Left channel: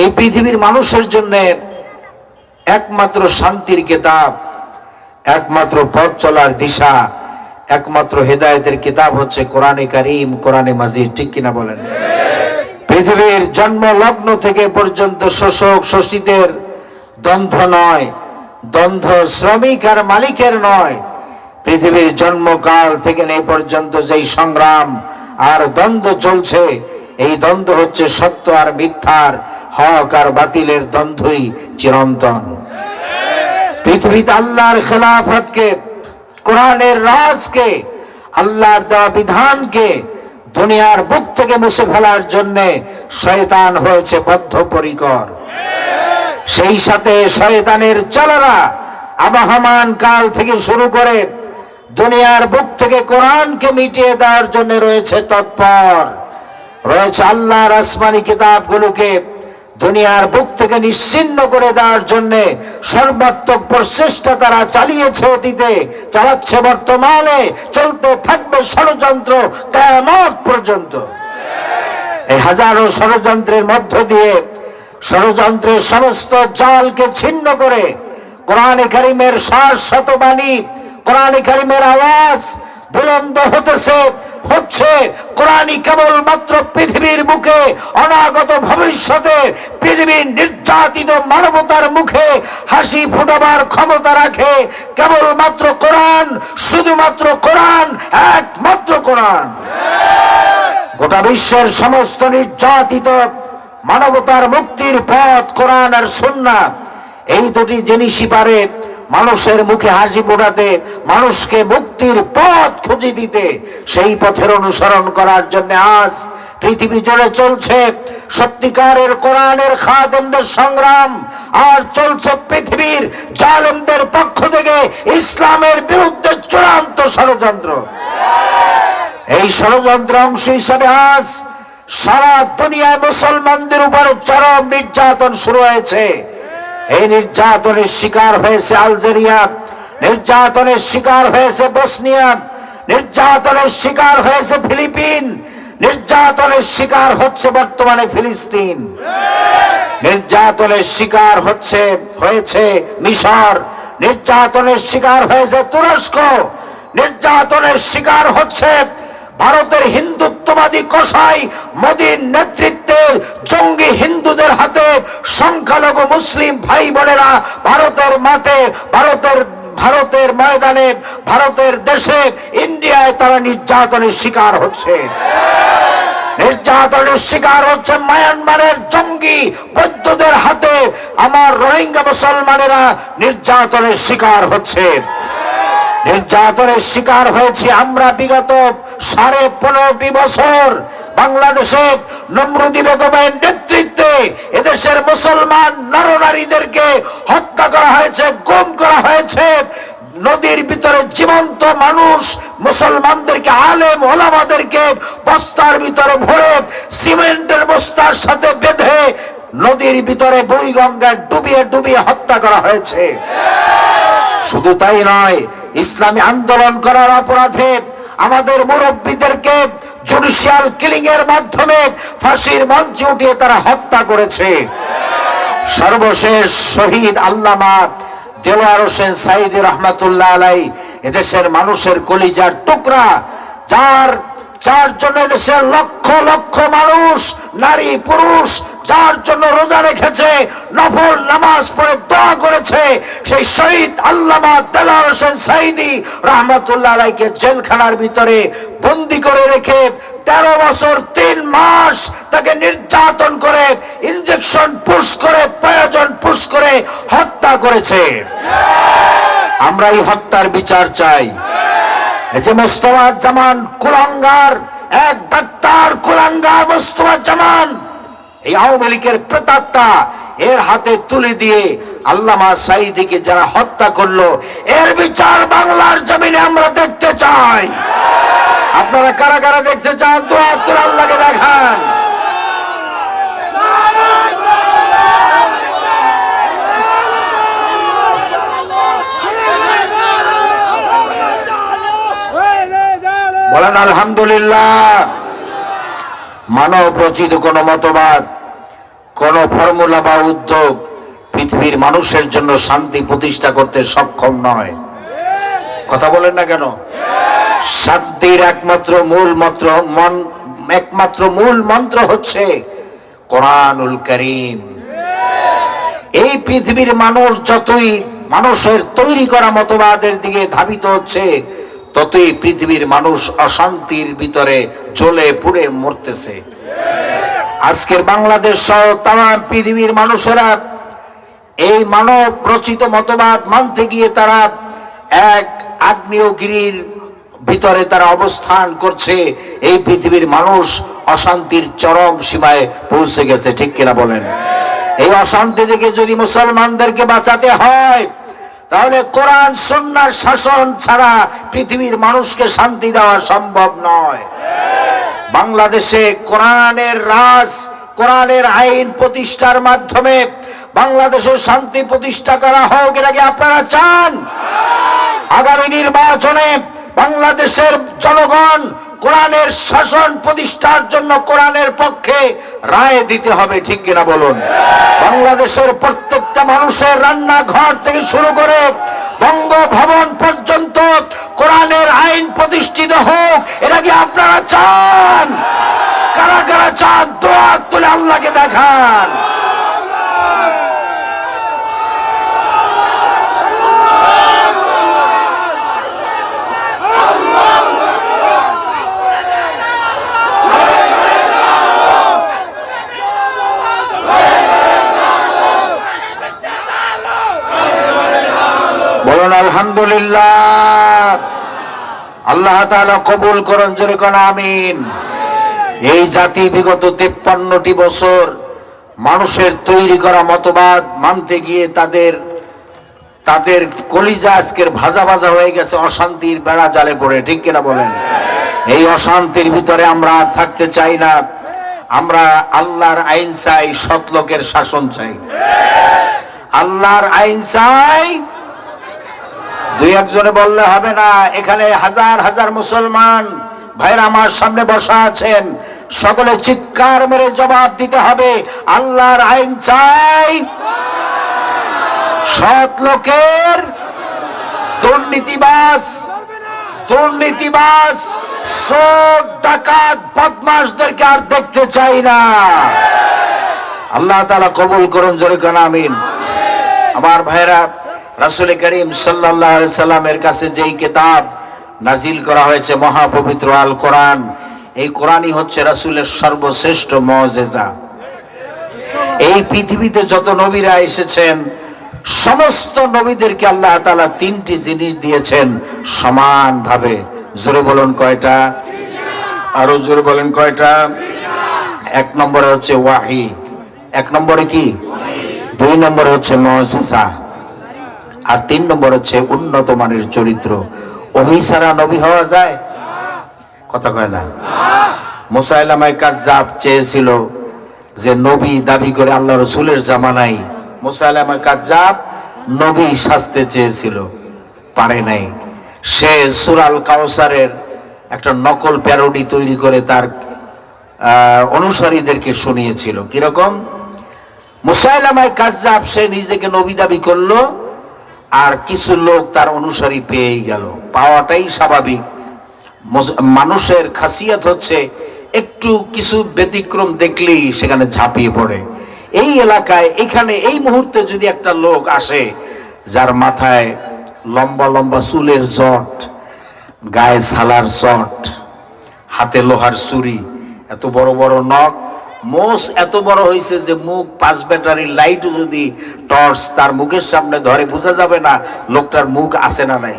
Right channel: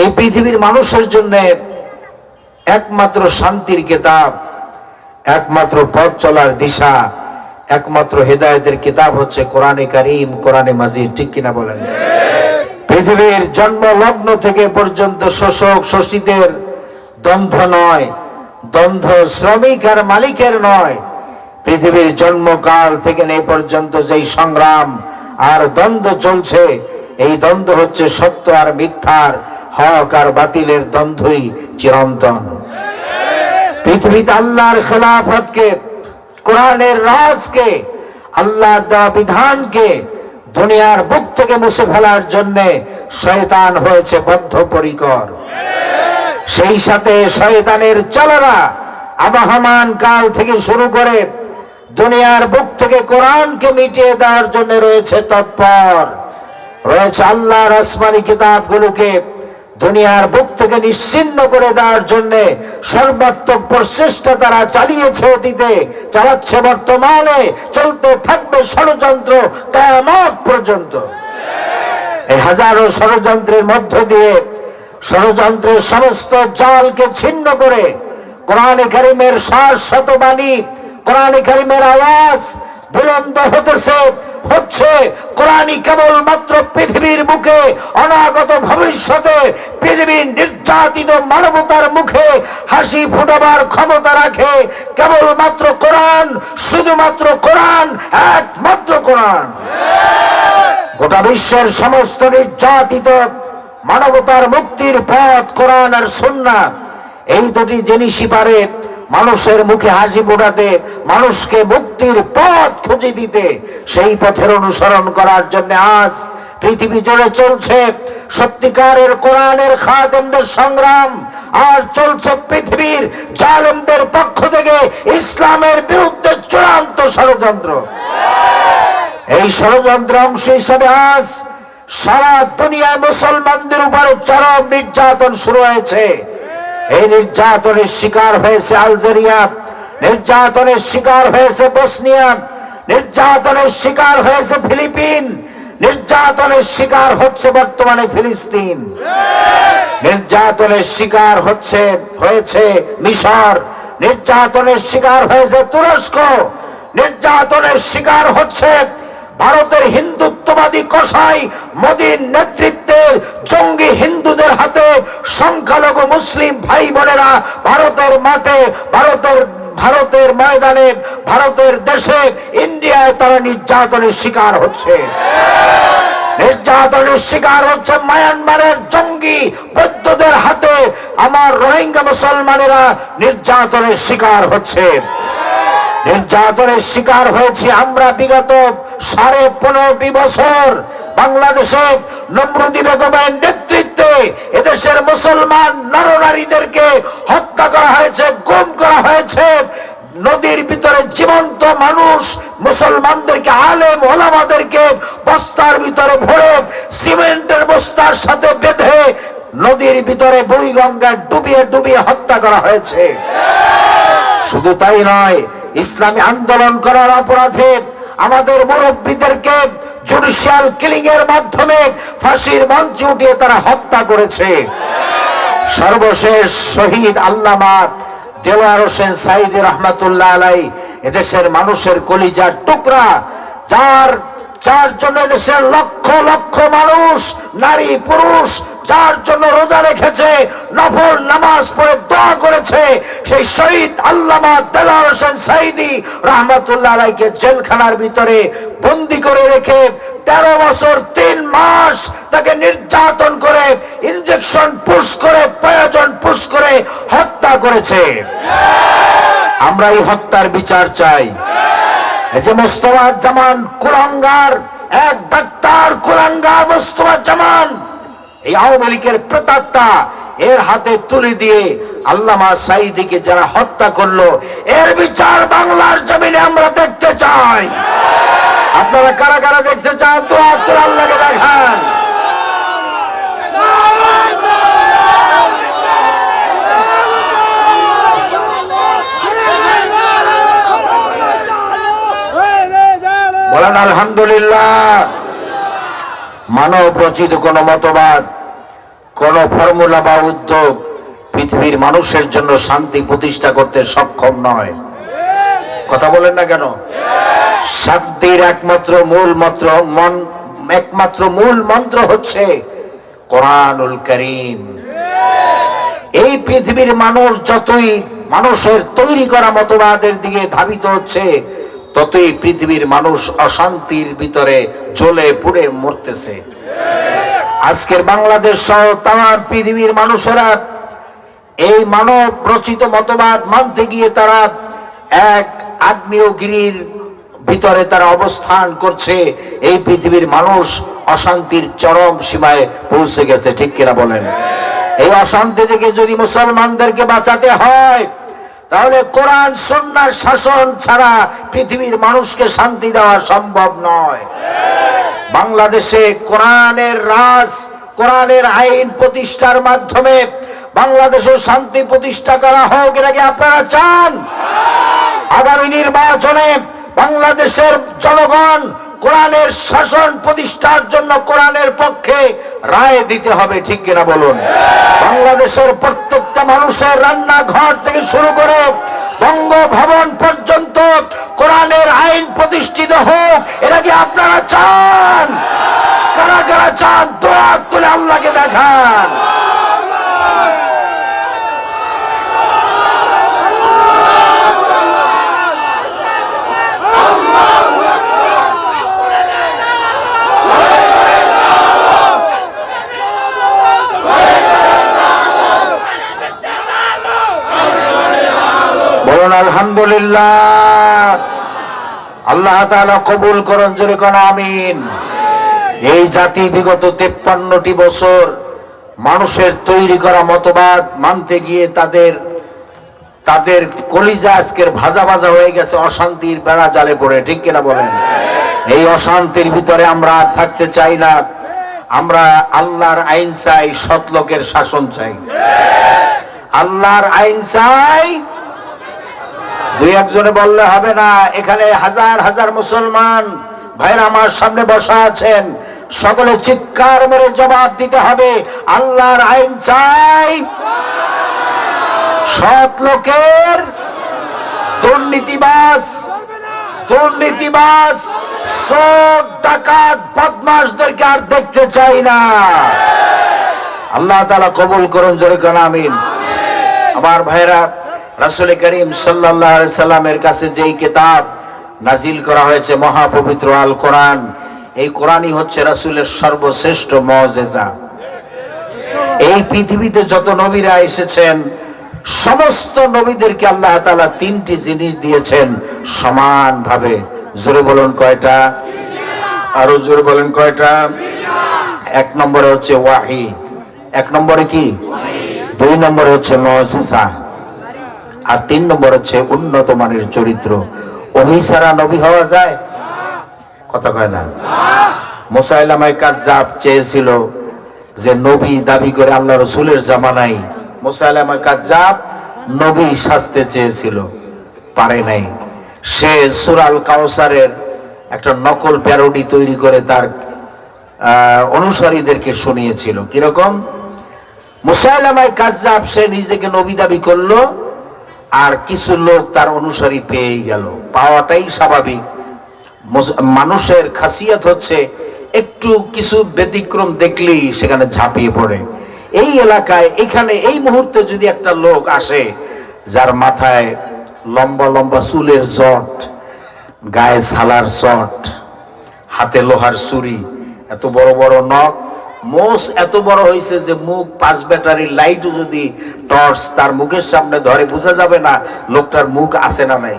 এই পৃথিবীর মানুষের জন্য একমাত্র শান্তির কিতাব, একমাত্র পথ চলার দিশা, একমাত্র হেদায়েতের কিতাব হচ্ছে কোরআনে কারীম, কোরআনে মাজিদ। ঠিক কিনা বলেন? পৃথিবীর জন্ম লগ্ন থেকে পর্যন্ত শোষক শোষিতের দ্বন্দ্ব নয়, দ্বন্দ্ব শ্রমিক আর মালিকের নয়। পৃথিবীর জন্মকাল থেকে এই পর্যন্ত যেই সংগ্রাম আর দ্বন্দ্ব চলছে, এই দ্বন্দ্ব হচ্ছে সত্য আর মিথ্যার, হক আর বাতিলের দ্বন্দ্বই চিরন্তন। পৃথিবীতে আল্লাহর খেলাফতকে, কোরআনের রাজকে, আল্লাহর দেওয়া বিধানকে দুনিয়ার বুক থেকে মুছে ফেলার জন্য শয়তান হয়েছে বদ্ধপরিকর। সেই সাথে শয়তানের চালারা আবহমান কাল থেকে শুরু করে দুনিয়ার বুক থেকে কোরআনকে মিটিয়ে দেওয়ার জন্য রয়েছে তৎপর, রয়েছে আল্লাহর আসমানি কিতাবগুলোকে দুনিয়ার বুক থেকে নিশ্চিহ্ন করে দেওয়ার জন্য সর্বাত্মক প্রচেষ্টা তারা চালিয়েছে, অতীতে চালাচ্ছে, বর্তমানে চলতে থাকবে ষড়যন্ত্র কিয়ামত পর্যন্ত। এই হাজারো ষড়যন্ত্রের মধ্য দিয়ে ষড়যন্ত্রের সমস্ত জালকে ছিন্ন করে কোরআনে কারীমের শাশ্বত বাণী, কোরআনে কারীমের আওয়াজ বুলন্দ হচ্ছে। কোরআনই কেবলমাত্র পৃথিবীর বুকে অনাগত ভবিষ্যতে পৃথিবীর নির্যাতিত মানবতার মুখে হাসি ফুটাবার ক্ষমতা রাখে। কেবলমাত্র কোরআন, শুধুমাত্র কোরআন, একমাত্র কোরআন। গোটা বিশ্বের সমস্ত নির্যাতিত মানবতার মুক্তির পথ কোরআন আর সুন্নাহ, এই দুটি জিনিসই পারে মানুষের মুখে হাসি ফোটাতে, মানুষকে মুক্তির পথ খুঁজে দিতে। সেই পথের অনুসরণ করার জন্য আজ পৃথিবী জুড়ে চলছে সত্যিকারের কোরআনের খাদেমদের সংগ্রাম, আর চলছে পৃথিবীর জালেমদের পক্ষ থেকে ইসলামের বিরুদ্ধে চূড়ান্ত ষড়যন্ত্র। এই ষড়যন্ত্র অংশ হিসাবে আজ সারা দুনিয়ায় মুসলমানদের উপরে চরম নির্যাতন শুরু হয়েছে। এই নির্যাতনের শিকার হয়েছে আলজেরিয়া, নির্যাতনের শিকার হয়েছে বসনিয়া, নির্যাতনের শিকার হয়েছে ফিলিপিন, নির্যাতনের শিকার হচ্ছে বর্তমানে ফিলিস্তিন, নির্যাতনের শিকার হয়েছে মিশর, নির্যাতনের শিকার হয়েছে তুরস্ক, নির্যাতনের শিকার হচ্ছে ভারতের হিন্দুত্ববাদী কসাই মোদীর নেতৃত্বের জঙ্গি হিন্দুদের হাতে সংখ্যালঘু মুসলিম ভাই বোনেরা ভারতের মাঠে, ভারতের ময়দানে, ভারতের দেশে, ইন্ডিয়ায় তারা নির্যাতনের শিকার হচ্ছে। নির্যাতনের শিকার হচ্ছে মায়ানমারের জঙ্গি বৌদ্ধদের হাতে। আমার রোহিঙ্গা মুসলমানেরা নির্যাতনের শিকার হচ্ছে। নির্যাতনের শিকার হয়েছি আমরা বিগত 15.5 বছর। বাংলাদেশে নমরুদি বেগমের নেতৃত্বে এদেশের মুসলমান নরনারীদেরকে হত্যা করা হয়েছে, গুম করা হয়েছে। নদীর ভিতরে জীবন্ত মানুষ মুসলমানদেরকে, আলেম ওলামাদেরকে বস্তার ভিতরে ভরে সিমেন্টের বস্তার সাথে বেঁধে নদীর ভিতরে বুড়িগঙ্গায় ডুবিয়ে হত্যা করা হয়েছে। শুধু তাই নয়, ইসলামী আন্দোলন করার অপরাধে আমাদের মুরব্বীদেরকে জুডিশিয়াল কিলিং এর মাধ্যমে ফাঁসির মঞ্চে উঠিয়ে তারা হত্যা করেছে। সর্বশেষ শহীদ আল্লামা দেওয়ার হোসেন সাইদি রহমাতুল্লাহ আলাইহি, এদেশের মানুষের কলিজার টুকরা, যার জন্য দেশের লক্ষ লক্ষ মানুষ, নারী পুরুষ, যার জন্য রোজা রেখেছে, নফল নামাজ পড়ে দোয়া করেছে, সেই শহীদ আল্লামা দেওয়ার হোসেন সাইদি রহমাতুল্লাহ আলাইহিকে জেলখানার ভিতরে বন্দী করে রেখে 13 বছর 3 মাস তাকে নির্যাতন করে, ইনজেকশন পুশ করে, প্রয়োজন পুশ করে হত্যা করেছে। আমরা এই হত্যার বিচার চাই। এই যে মোস্তফা জামান কুলাঙ্গার, এক ডাক্তার কুলাঙ্গার মোস্তফা জামান, এই আওয়ামী লীগের প্রেতাত্মা, এর হাতে তুলে দিয়ে আল্লামা সাইদিকে যারা হত্যা করলো, এর বিচার বাংলার জমিনে আমরা দেখতে চাই। আপনারা কারা কারা দেখতে চান? দোয়া করে আল্লাহকে দেখান। বলেন আলহামদুলিল্লাহ। মানব রচিত কোন মতবাদ কোন ফর্মুলা বা উদ্যোগ পৃথিবীর মানুষের জন্য শান্তি প্রতিষ্ঠা করতে সক্ষম নয়। কথা বলেন না কেন? শান্তির একমাত্র মূল মন্ত্র হচ্ছে কোরআনুল কারীম। এই পৃথিবীর মানুষ যতই মানুষের তৈরি করা মতবাদের দিকে ধাবিত হচ্ছে, ততই পৃথিবীর মানুষ অশান্তির ভিতরে জ্বলে পুড়ে মরতেছে। আজকের বাংলাদেশ সহ তাম পৃথিবীর মানুষেরা এই মানব রচিত মতবাদ মানতে গিয়ে তারা এক আগ্নেয়গিরির ভিতরে তারা অবস্থান করছে। এই পৃথিবীর মানুষ অশান্তির চরম সীমায় পৌঁছে গেছে, ঠিক কিনা বলেন? এই অশান্তি থেকে যদি মুসলমানদেরকে বাঁচাতে হয়, তাহলে কোরআন সুন্নাহর শাসন ছাড়া পৃথিবীর মানুষকে শান্তি দেওয়া সম্ভব নয়। বাংলাদেশে কোরআনের রাজ, কোরআনের আইন প্রতিষ্ঠার মাধ্যমে বাংলাদেশের শান্তি প্রতিষ্ঠা করা হোক, এর আগে আপনারা চান? আগামী নির্বাচনে বাংলাদেশের জনগণ কোরআনের শাসন প্রতিষ্ঠার জন্য কোরআনের পক্ষে রায় দিতে হবে, ঠিক কিনা বলুন? বাংলাদেশের প্রত্যেকটা মানুষের রান্নাঘর থেকে শুরু করে বঙ্গভবন পর্যন্ত কোরআনের আইন প্রতিষ্ঠিত হোক, এর আগে আপনারা চান? কারা কারা চান? দোয়া তুলে আল্লাহকে দেখান। বলুন আলহামদুলিল্লাহ। আল্লাহ তাআলা কবুল করুন, জোরে কোন আমিন। এই জাতি বিগত 53টি বছর মানুষের তৈরি করা মতবাদ মানতে গিয়ে তাদের কলিজা আজকের ভাজা ভাজা হয়ে গেছে অশান্তির বেড়া জালে পড়ে, ঠিক কিনা বলেন? এই অশান্তির ভিতরে আমরা আর থাকতে চাই না। আমরা আল্লাহর আইন চাই, সৎ লোকের শাসন চাই। আল্লাহর আইন চাই। দুই একজনে বললে হবে না, এখানে হাজার হাজার মুসলমান ভাইরা আমার সামনে বসা আছেন, সকলে চিৎকার মেরে জবাব দিতে হবে, আল্লাহর আইন চাই। সৎ লোকের, দুর্নীতিবাজ চোর ডাকাত বদমাশদেরকে আর দেখতে চাই না। আল্লাহ তাআলা কবুল করেন, জোরে কোন আমিন। আমার ভাইরা, রাসূল করিম সাল্লাল্লাহু আলাইহি সাল্লামের কাছে যেই কিতাব নাজিল করা হয়েছে মহাপবিত্র আল কোরআন, এই কোরআনই হচ্ছে রাসূলের সর্বশ্রেষ্ঠ মুজিজা। এই পৃথিবীতে যত নবীরা এসেছেন, সমস্ত নবীদেরকে আল্লাহ তাআলা তিনটি জিনিস দিয়েছেন সমানভাবে। জোরে বলুন কয়টা? আরো জোরে বলেন কয়টা? এক নম্বরে হচ্ছে ওয়াহি, এক নম্বরে কি? দুই নম্বরে হচ্ছে মুজিজা, আর তিন নম্বর হচ্ছে উন্নত মানের চরিত্র। ওহী ছাড়া নবী হওয়া যায়? কথা কয় না। মুসাইলামায়ে কাযযাব চেয়েছিল যে নবী দাবি করে আল্লাহ রাসূলের জামানায় মুসাইলামায়ে কাযযাব নবী সাজতে চেয়েছিল, পারে নাই। সে সূরা আল কাউসারের একটা নকল প্যারোডি তৈরি করে তার অনুসারীদেরকে শুনিয়েছিল। কিরকম? মুসাইলামায়ে কাযযাব সে নিজেকে নবী দাবি করলো, আর কিছু লোক তার অনুসারী পেয়ে গেল। পাওয়াটাই স্বাভাবিক। মানুষের খাসিয়ত হচ্ছে একটু কিছু ব্যতিক্রম দেখলেই সেখানে ঝাঁপিয়ে পড়ে। এই এলাকায় এখানে এই মুহূর্তে যদি একটা লোক আসে যার মাথায় লম্বা লম্বা চুলের জট, গায়ে সালার চট, হাতে লোহার ছুরি, এত বড় বড় নখ, মোষ এত বড় হয়েছে যে মুখ 5 ব্যাটারি লাইট যদি টর্চ তার মুখের সামনে ধরে বোঝা যাবে না লোকটার মুখ আছে না নাই।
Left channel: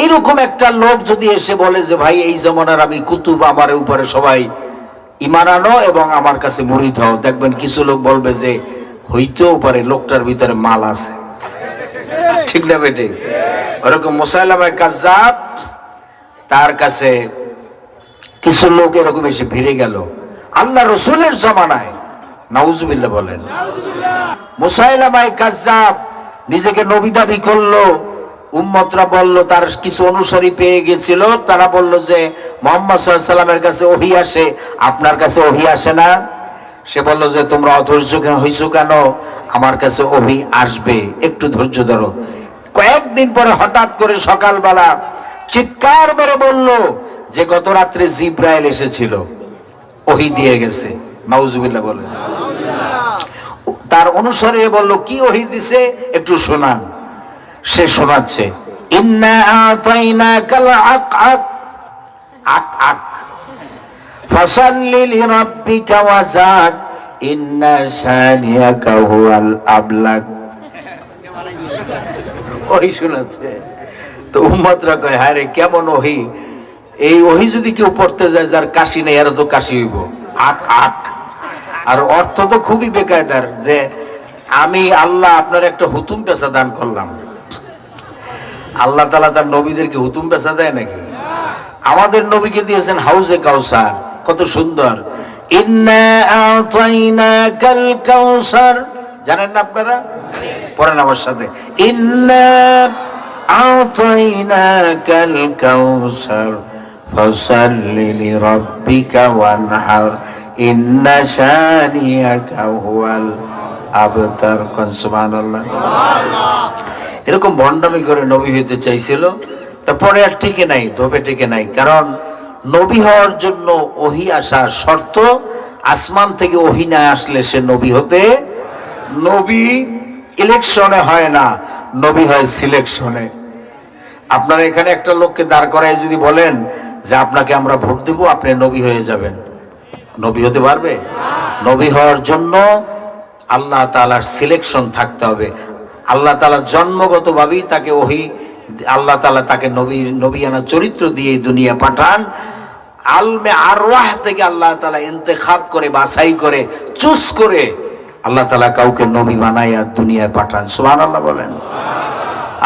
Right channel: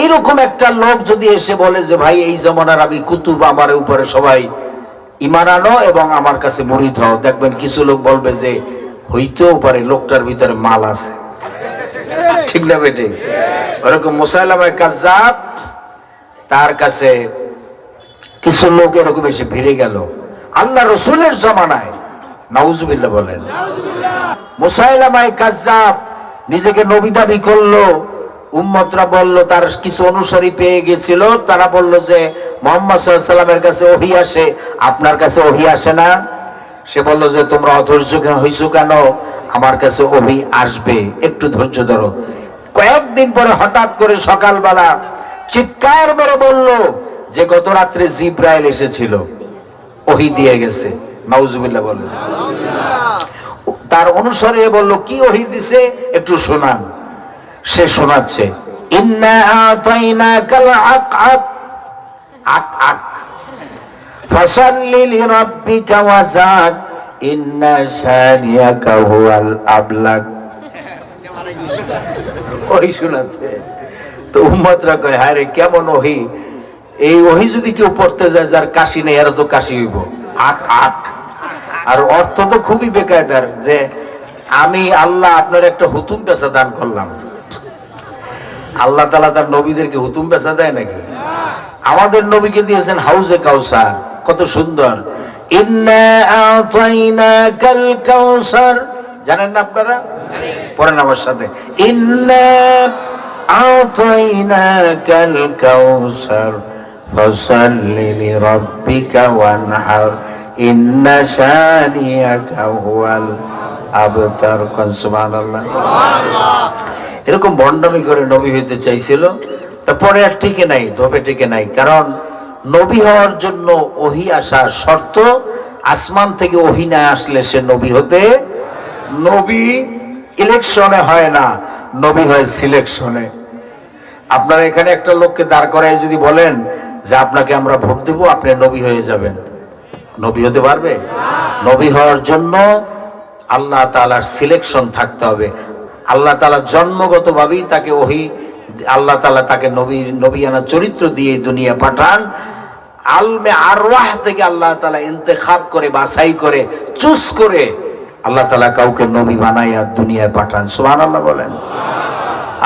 এইরকম একটা লোক যদি এসে বলে যে ভাই এই জমানার আমি কুতুব, আমার উপরে সবাই ঈমান আনো এবং আমার কাছে মুরিদ হও, দেখবেন কিছু লোক বলবে যে হইতেও পারে লোকটার ভিতরে মাল আছে, ঠিক না বেটে? ওরকম মুসাইলামায়ে কাযযাব তার কাছে কিছু লোক এরকম এসে ভিড়ে গেল আল্লাহ রাসূলের জামানায়। নাউজুবিল্লাহ বলেন। মুসাইলামায়ে কাযযাব নিজেকে নবী দাবি করলো, উম্মতরা বলল, তার কিছু অনুসারী পেয়ে গেছিল, তারা বলল যে মুহাম্মদ সাল্লাল্লাহু আলাইহি ওয়াসাল্লামের কাছে ওহী আসে, আপনার কাছে ওহী আসে না? সে বলল যে তোমরা অধৈর্য হইছো কেন, আমার কাছে ওহী আসবে, একটু ধৈর্য ধরো। কয়েকদিন পরে হঠাৎ করে সকালবেলা চিৎকার করে বলল যে গত রাত্রে জিব্রাইল এসেছিল, ওহী দিয়ে গেছে। নাউজুবিল্লাহ বলেন। তার অনুসারে বলল কি ওহী দিছে একটু শোনান। সে শোনাচ্ছে, ইন্না আতাইনাকাল আকআক, আকআক ফাসাল্লি লিরাব্বিকা ওয়াজাদ ইন্না শানিয়াকা হুয়াল আবলাগ। ওহী শোনাচ্ছে। তো উম্মতরা কয় হায় রে কেমন ওহী, এই ওহী যদি কেউ পড়তে যায় যার কাশি নেই এর তো কাশি হইব, আক আক। আর অর্থ তো খুবই বেকায়দার, যে আমি আল্লাহ আপনার একটা হুতুম পেশা দান করলাম। আল্লাহ তাআলা তার নবীদেরকে হুতুম পেশা দেয় নাকি? আমাদের নবীকে দিয়েছেন হাউজে কাউসার, কত সুন্দর। ইন্না আতাইনাকাল কাউসার, জানেন না আপনারা? পড়েন আমার সাথে, ইন্না আতাইনাকাল কাউসার ফাসাল্লি লিরাব্বিকা ওয়ানহার ইন্না শানিয়াকা হুয়াল আবতার। সুবহানাল্লাহ। এরকম ভণ্ডামি করে নবী হইতে চাইছিল, পরে আর টিকে নাই, ধোপে টিকে নাই। কারণ নবী হওয়ার জন্য ওহী আসা শর্ত, আসমান থেকে ওহী না আসলে সে নবী হতে, নবী ইলেকশনে হয় না, নবী হয় সিলেকশনে। আপনারা এখানে একটা লোককে দাঁড় করায় যদি বলেন যে আপনাকে আমরা ভোট দেব, আপনি নবী হয়ে যাবেন, নবী হতে পারবে? নবী হওয়ার জন্য আল্লাহ তাআলার সিলেকশন থাকতে হবে। আল্লাহ তাআলা জন্মগত ভাবেই তাকে ওহী, আল্লাহ তাআলা তাকে নবিয়ানা চরিত্র দিয়ে দুনিয়া পাঠান। আলমে আরওয়াহ থেকে আল্লাহ তাআলা ইন্তেখাব করে, বাছাই করে, চুজ করে আল্লাহ তাআলা কাউকে নবী বানায়া দুনিয়ায় পাঠান। সুবহানাল্লাহ বলেন।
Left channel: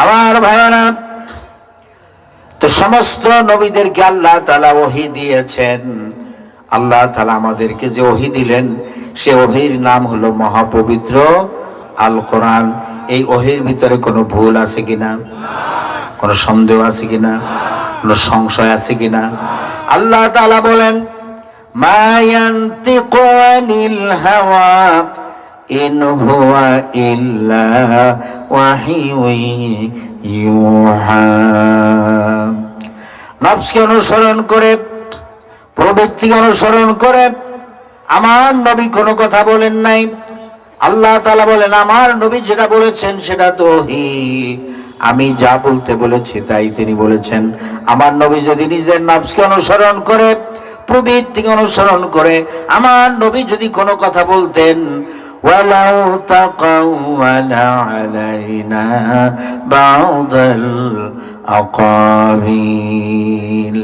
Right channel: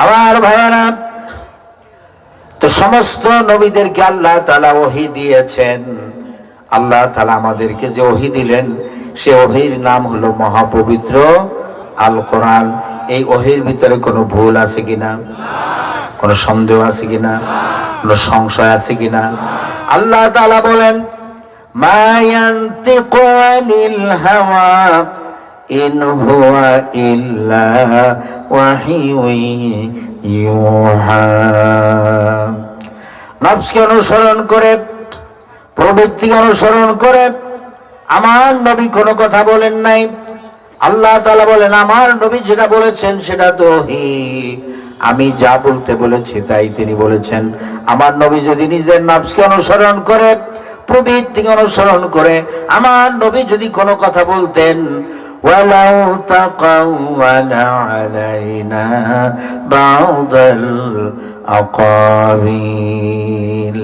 আমার ভাইরা, তো সমস্ত নবীদেরকে আল্লাহ তাআলা ওহী দিয়েছেন। আল্লাহ তাআলা আমাদেরকে যে ওহী দিলেন, সে ওহীর নাম হলো মহাপবিত্র আল কোরআন। এই ওহীর ভিতরে কোনো ভুল আছে কিনা, কোনো সন্দেহ আছে কিনা, কোনো সংশয় আছে কিনা? আল্লাহ তাআলা বলেন, মা ইয়ানতিকু আনিল হাওয়া ইন হুয়া ইল্লা ওয়াহিয়ুন ইউহা। নফসকে অনুসরণ করে, প্রবৃত্তি অনুসরণ করে আমার নবী কোনো কথা বলেন নাই। আল্লাহ তাআলা বলেন, আমার নবী যেটা বলেছেন সেটা তো ওহী, আমি যা বলতে বলেছি তাই তিনি বলেছেন। আমার নবী যদি নিজের নফসকে অনুসরণ করে, প্রবৃত্তি অনুসরণ করে, আমার নবী যদি কোনো কথা বলতেন, ওয়ালাউ তাকাওয়ালা আলাইনা বা'দাল আকাবিল।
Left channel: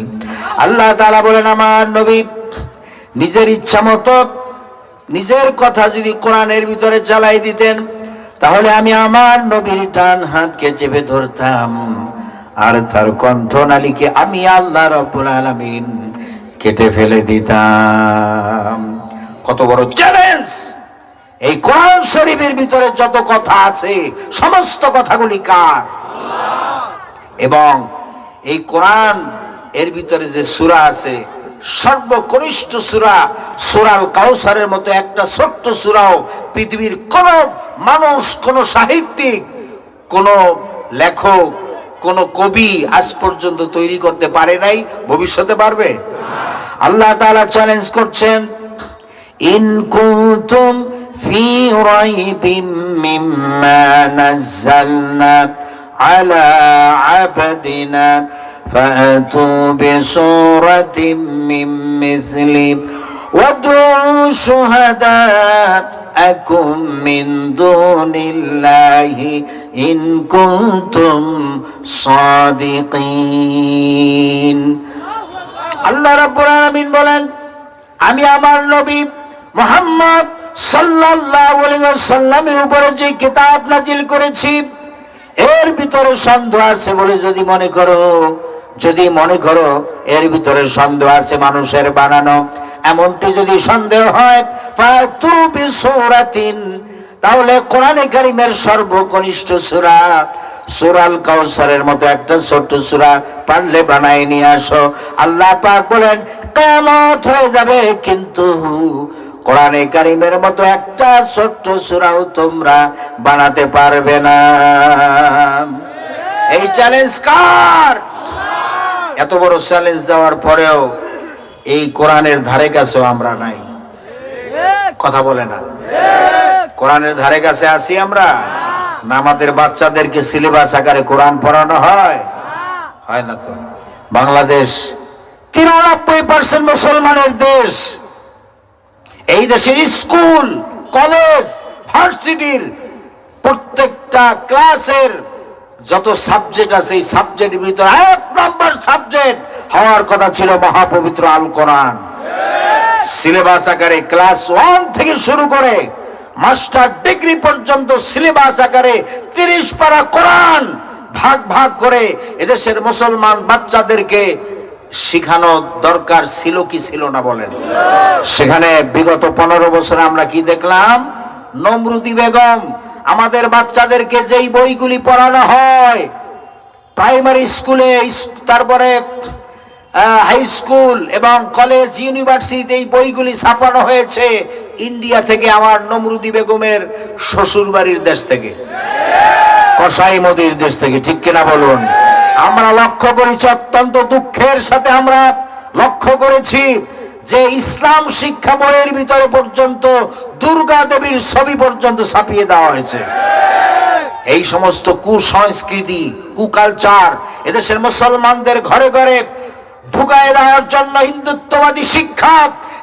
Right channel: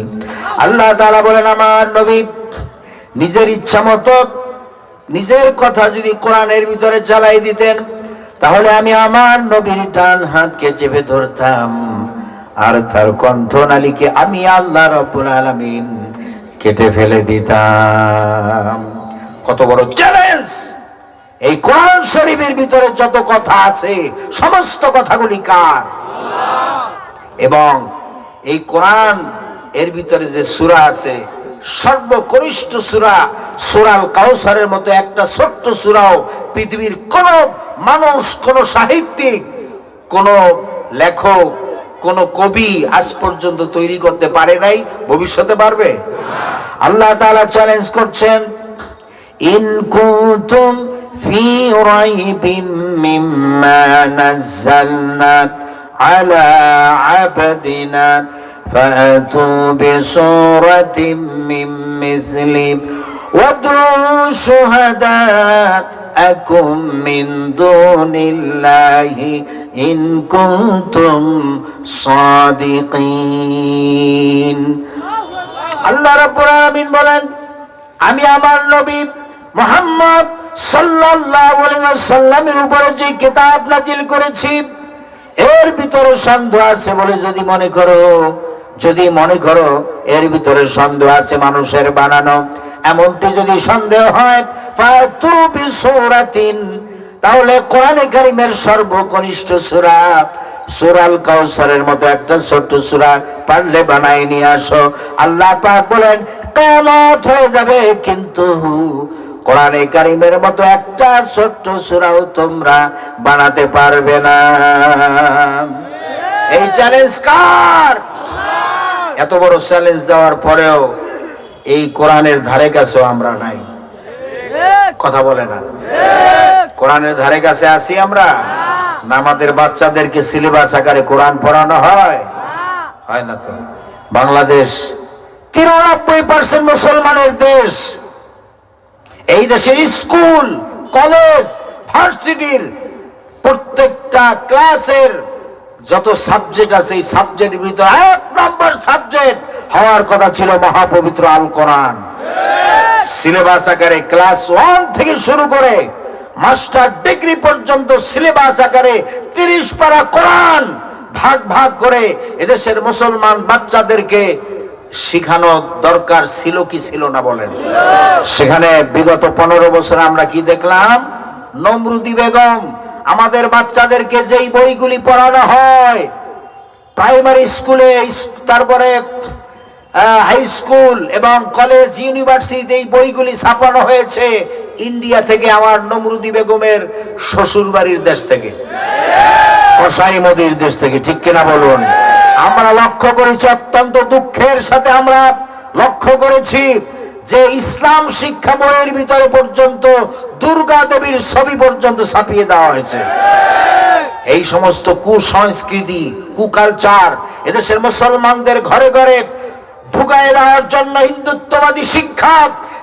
আল্লাহ তাআলা বলেন, আমার নবী নিজের ইচ্ছা মতো নিজের কথা যদি কোরআনের ভিতরে চালাই দিতেন, তাহলে আমি আমার নবীর ডান হাতকে চেপে ধরতাম, আর তার কণ্ঠনালীকে আমি আল্লাহ রাব্বুল আলামিন কেটে ফেলে দিতাম। কত বড় চ্যালেঞ্জ! এই কোরআন শরীফের ভিতরে যত কথা আছে সমস্ত কথাগুলি কার? আল্লাহ। এবং এই কোরআন এর ভিতরে যে সূরা আছে, সর্বকনিষ্ঠ সূরা সূরাল কাউসারের মতো একটা ছোট্ট সূরাও পৃথিবীর কোন মানুষ, কোন সাহিত্যিক, কোন লেখক, কোন কবি আজ পর্যন্ত তৈরি করতে পারে নাই, ভবিষ্যতে পারবে? আল্লাহ তাআলা চ্যালেঞ্জ করছেন, ইন কুনতুম ফি রাইবিম মিম্মা নাযালনা আলা আবদিনা فأتوا بسورة من مثله وادعوا شهداءكم من دون الله إن كنتم صادقين। আল্লাহ রাব্বুল আলামিন বলেন, আমি আমার নবী মুহাম্মদ সাল্লাল্লাহু আলাইহি ওয়াসাল্লামের উপরে যে কিতাব নাজিল করেছি, এর ভিতরে সন্দেহ আছে বলে যদি মনে করো এর ভিতরে সন্দেহ আছে মানুষের বানানো, এমনটি যদি সন্দেহ হয়, ফাতু বিসূরাতিন, তাহলে কোরআনে কারীমের সর্বকনিষ্ঠ সূরা সূরাল কাউসারের মতো একটা ছোট্ট সূরা পারলে বানায় নিয়ে আসো। আল্লাহ পাক বলেন, কিয়ামত হয়ে যাবে কিন্তু কোরআনে কারীমের মতো একটা ছোট্ট সূরাও তোমরা বানাতে পারবে না। এই চ্যালেঞ্জ কার? এত বড় চ্যালেঞ্জ দেওয়ার পরেও এই কোরআনের ধারে কাছেও আমরা নাই। কথা বলে না? কোরআনের ধারে কাছে আছি আমরা না? আমাদের বাচ্চাদেরকে সিলেবাস আকারে কোরআন পড়ানো হয়? হয় না তো। বাংলাদেশ 93% মুসলমানের দেশ। এই দেশের স্কুল, কলেজ, ভার্সিটির প্রত্যেকটা ক্লাসের যত সাবজেক্ট আছে এই সাবজেক্টের ভিতরে 1 নম্বর সাবজেক্ট হওয়ার কথা ছিল মহাপবিত্র আল কোরআন। সিলেবাস আকারে ক্লাস 1 থেকে শুরু করে মাস্টার ডিগ্রি পর্যন্ত সিলেবাস আকারে 30 পারা কোরআন ভাগ ভাগ করে এদেশের মুসলমান বাচ্চাদেরকে শিখানো দরকার ছিল কি ছিল না বলেন? সেখানে বিগত 15 বছর আমরা কি দেখলাম? নমরুদি বেগম আমাদের বাচ্চাদেরকে যেই বইগুলি পড়ানো হয় প্রাইমারি স্কুলে, তারপরে হাই স্কুল এবং কলেজ, ইউনিভার্সিটিতে এই বইগুলি ছাপানো হয়েছে ইন্ডিয়া থেকে, আমার নমরুদি বেগমের শ্বশুর বাড়ির দেশ থেকে, কসাই মোদির দেশ থেকে। ঠিক কিনা বলুন? আমরা লক্ষ্য করেছি, অত্যন্ত দুঃখের সাথে আমরা লক্ষ্য করেছি যে ইসলাম শিক্ষা বইয়ের ভিতরে পর্যন্ত দুর্গা দেবীর ছবি পর্যন্ত ছাপিয়ে দেওয়া হয়েছে। এই সমস্ত কুসংস্কৃতি, কুকালচার এদেশের মুসলমানদের ঘরে ঘরে ঢুকায় দেওয়ার জন্য হিন্দুত্ববাদী শিক্ষা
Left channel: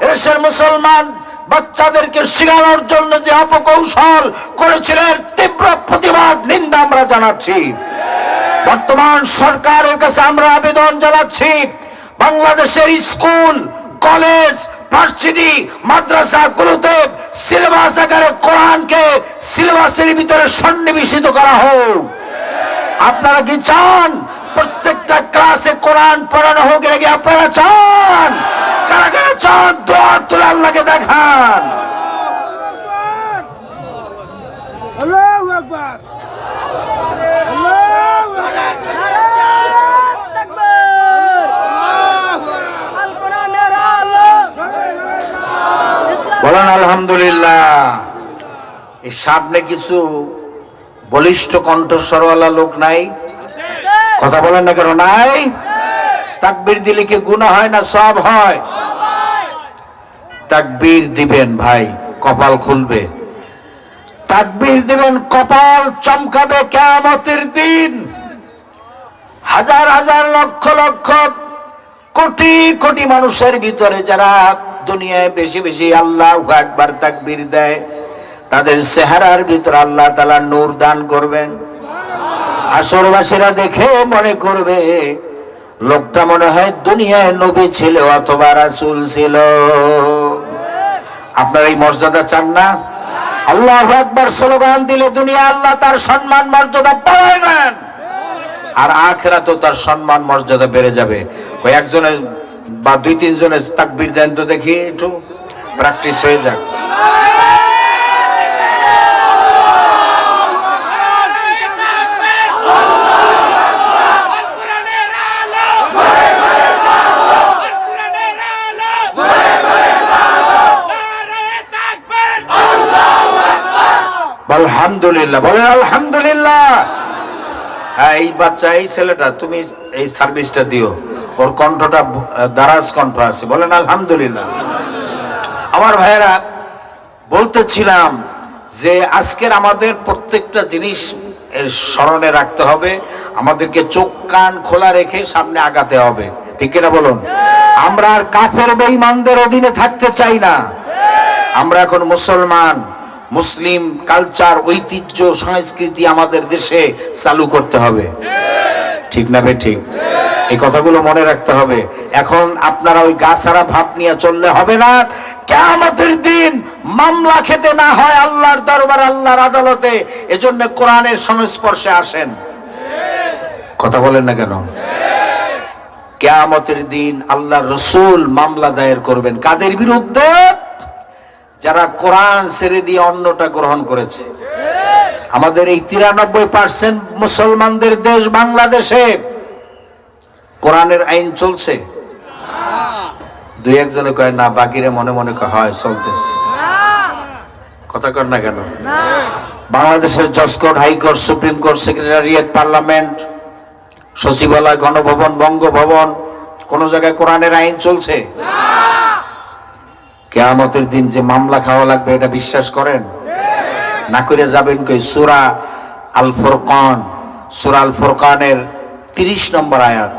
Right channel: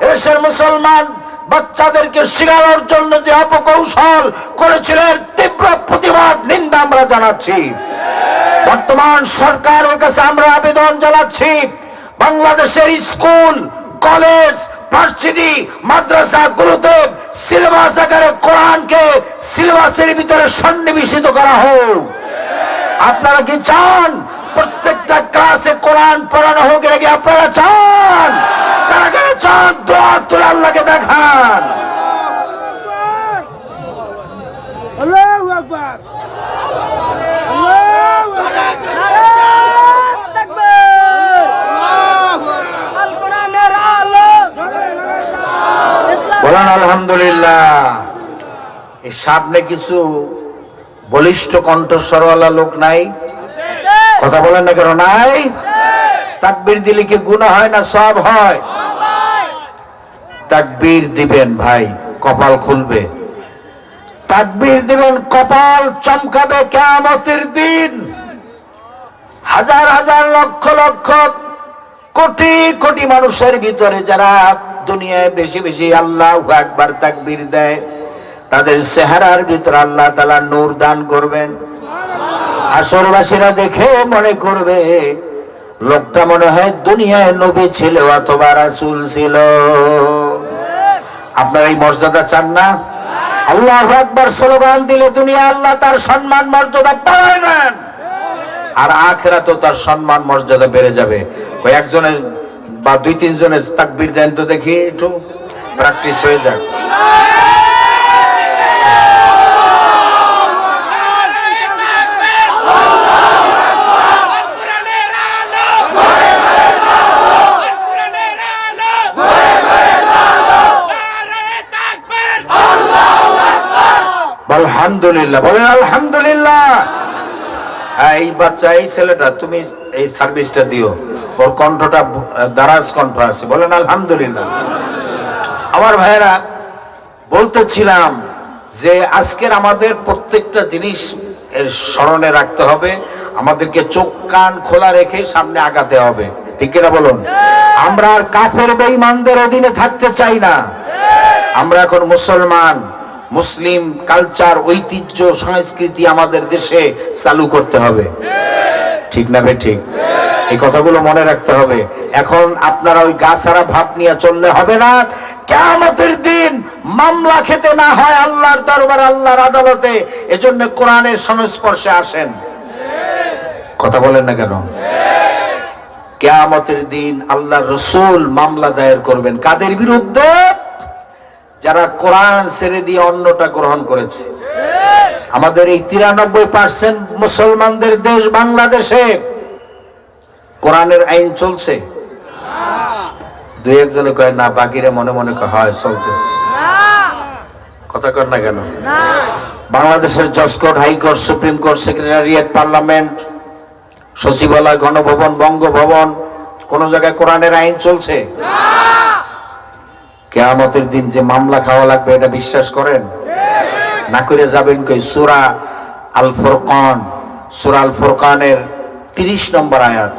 এদেশের মুসলমান বাচ্চাদেরকে শেখানোর জন্য যে অপকৌশল করেছিলেন, তীব্র প্রতিবাদ, নিন্দা আমরা জানাচ্ছি। বর্তমান সরকারের কাছে আমরা আবেদন জানাচ্ছি, বাংলাদেশের স্কুল, কলেজ, ভার্সিটি, মাদ্রাসাগুলোতে সিলেবাস আকারে কোরআনকে সিলেবাসের ভিতরে সন্নিবেশিত করা হোক। আপনারা কি চান প্রত্যেকটা ক্লাসে কোরআন পড়ানো হোক? নাকি আপনারা চান? কারা কারা চান? দোয়া তুলে আল্লাহকে দেখান। আল্লাহু আকবার, আল্লাহু আকবার। বলেন আলহামদুলিল্লাহ। এই সামনে কিছু বলিষ্ঠ কণ্ঠস্বরওয়ালা লোক নাই? কথা বলেন না কেন? নাই? তাকবীর দিলে কি গুনাহ হয় না সওয়াব হয়? তাকবীর দিবেন ভাই, কপাল খুলবে। তাকবীর দিবেন, কপাল চমকাবে কিয়ামতের দিন। হাজার হাজার লক্ষ লক্ষ কোটি কোটি মানুষের ভিতরে যারা দুনিয়ায় বেশি বেশি আল্লাহু আকবার তাকবীর দেয়, তাদের চেহারার ভিতরে আল্লাহ তাআলা নূর দান করবেন। আসরবাসীরা দেখে মনে করবে লোকটা মনে হয় দুনিয়ায় নবী ছিল অথবা রাসূল ছিল। আপনারা এই মর্যাদা চান না? আল্লাহু আকবার স্লোগান দিলে দুনিয়া আল্লাহ তার সম্মান মর্যাদা বাড়াবেন, আর আখিরাতেও তার সম্মান মর্যাদা বেড়ে যাবে। ওই একজনের বা 2-3 জনের তাকবীর দেন তো দেখি, একটু প্র্যাকটিস হয়ে যাক। আলহামদুলিল্লাহ, বলেন আলহামদুলিল্লাহ। হ্যাঁ, এই বাচ্চা, এই ছেলেটা, তুমি এই সার্ভিসটা দিও, ওর কণ্ঠটা দারাজ কণ্ঠ আছে। বলেন আলহামদুলিল্লাহ। আমার ভাইয়েরা, বলতেছিলাম যে আজকের আমাদের প্রত্যেকটা জিনিস স্মরণে রাখতে হবে, আমাদেরকে চোখ কান খোলা রেখে সামনে আগাতে হবে। ঠিক কিনা বলুন? আমরা আর কাফের বেঈমানদের অধীনে থাকতে চাই না। আমরা এখন মুসলমান, মুসলিম কালচার, ঐতিহ্য, সংস্কৃতি আমাদের দেশে চালু করতে হবে। ঠিক না বেঠিক? এই কথাগুলো মনে রাখতে হবে। এখন আপনারা ওই গাছাড়া ভাব নিয়ে চললে হবে না। কিয়ামতের দিন মামলা খেতে না হয় আল্লাহর দরবার, আল্লাহর আদালতে। এজন্য কোরআনের সংস্পর্শে আসেন। কথা বলেন না কেন? কিয়ামতের দিন আল্লাহর রাসূল মামলা দায়ের করবেন কাদের বিরুদ্ধে? যারা কোরআন ছেড়ে দিয়ে অন্যটা গ্রহণ করেছে। আমাদের এই 93% মুসলমানদের দেশ বাংলাদেশে কোরআনের আইন চলছে। 2-1 জনে কয় না, বাকিরা মনে মনে কয় হয় চলতেছে। কথা কর না কেন? বাংলাদেশের জজ court, high court, supreme court, secretariat, parliament, সচিবালয়, গণভবন, বঙ্গভবন, কোন জায়গায় কোরআনের আইন চলছে? কিয়ামতের দিন যে মামলা খাওয়া লাগবে এটা বিশ্বাস করেন? না করে যাবেন কই? সূরা আল ফুরকান, সূরা আল ফুরকানের 30 নম্বর আয়াত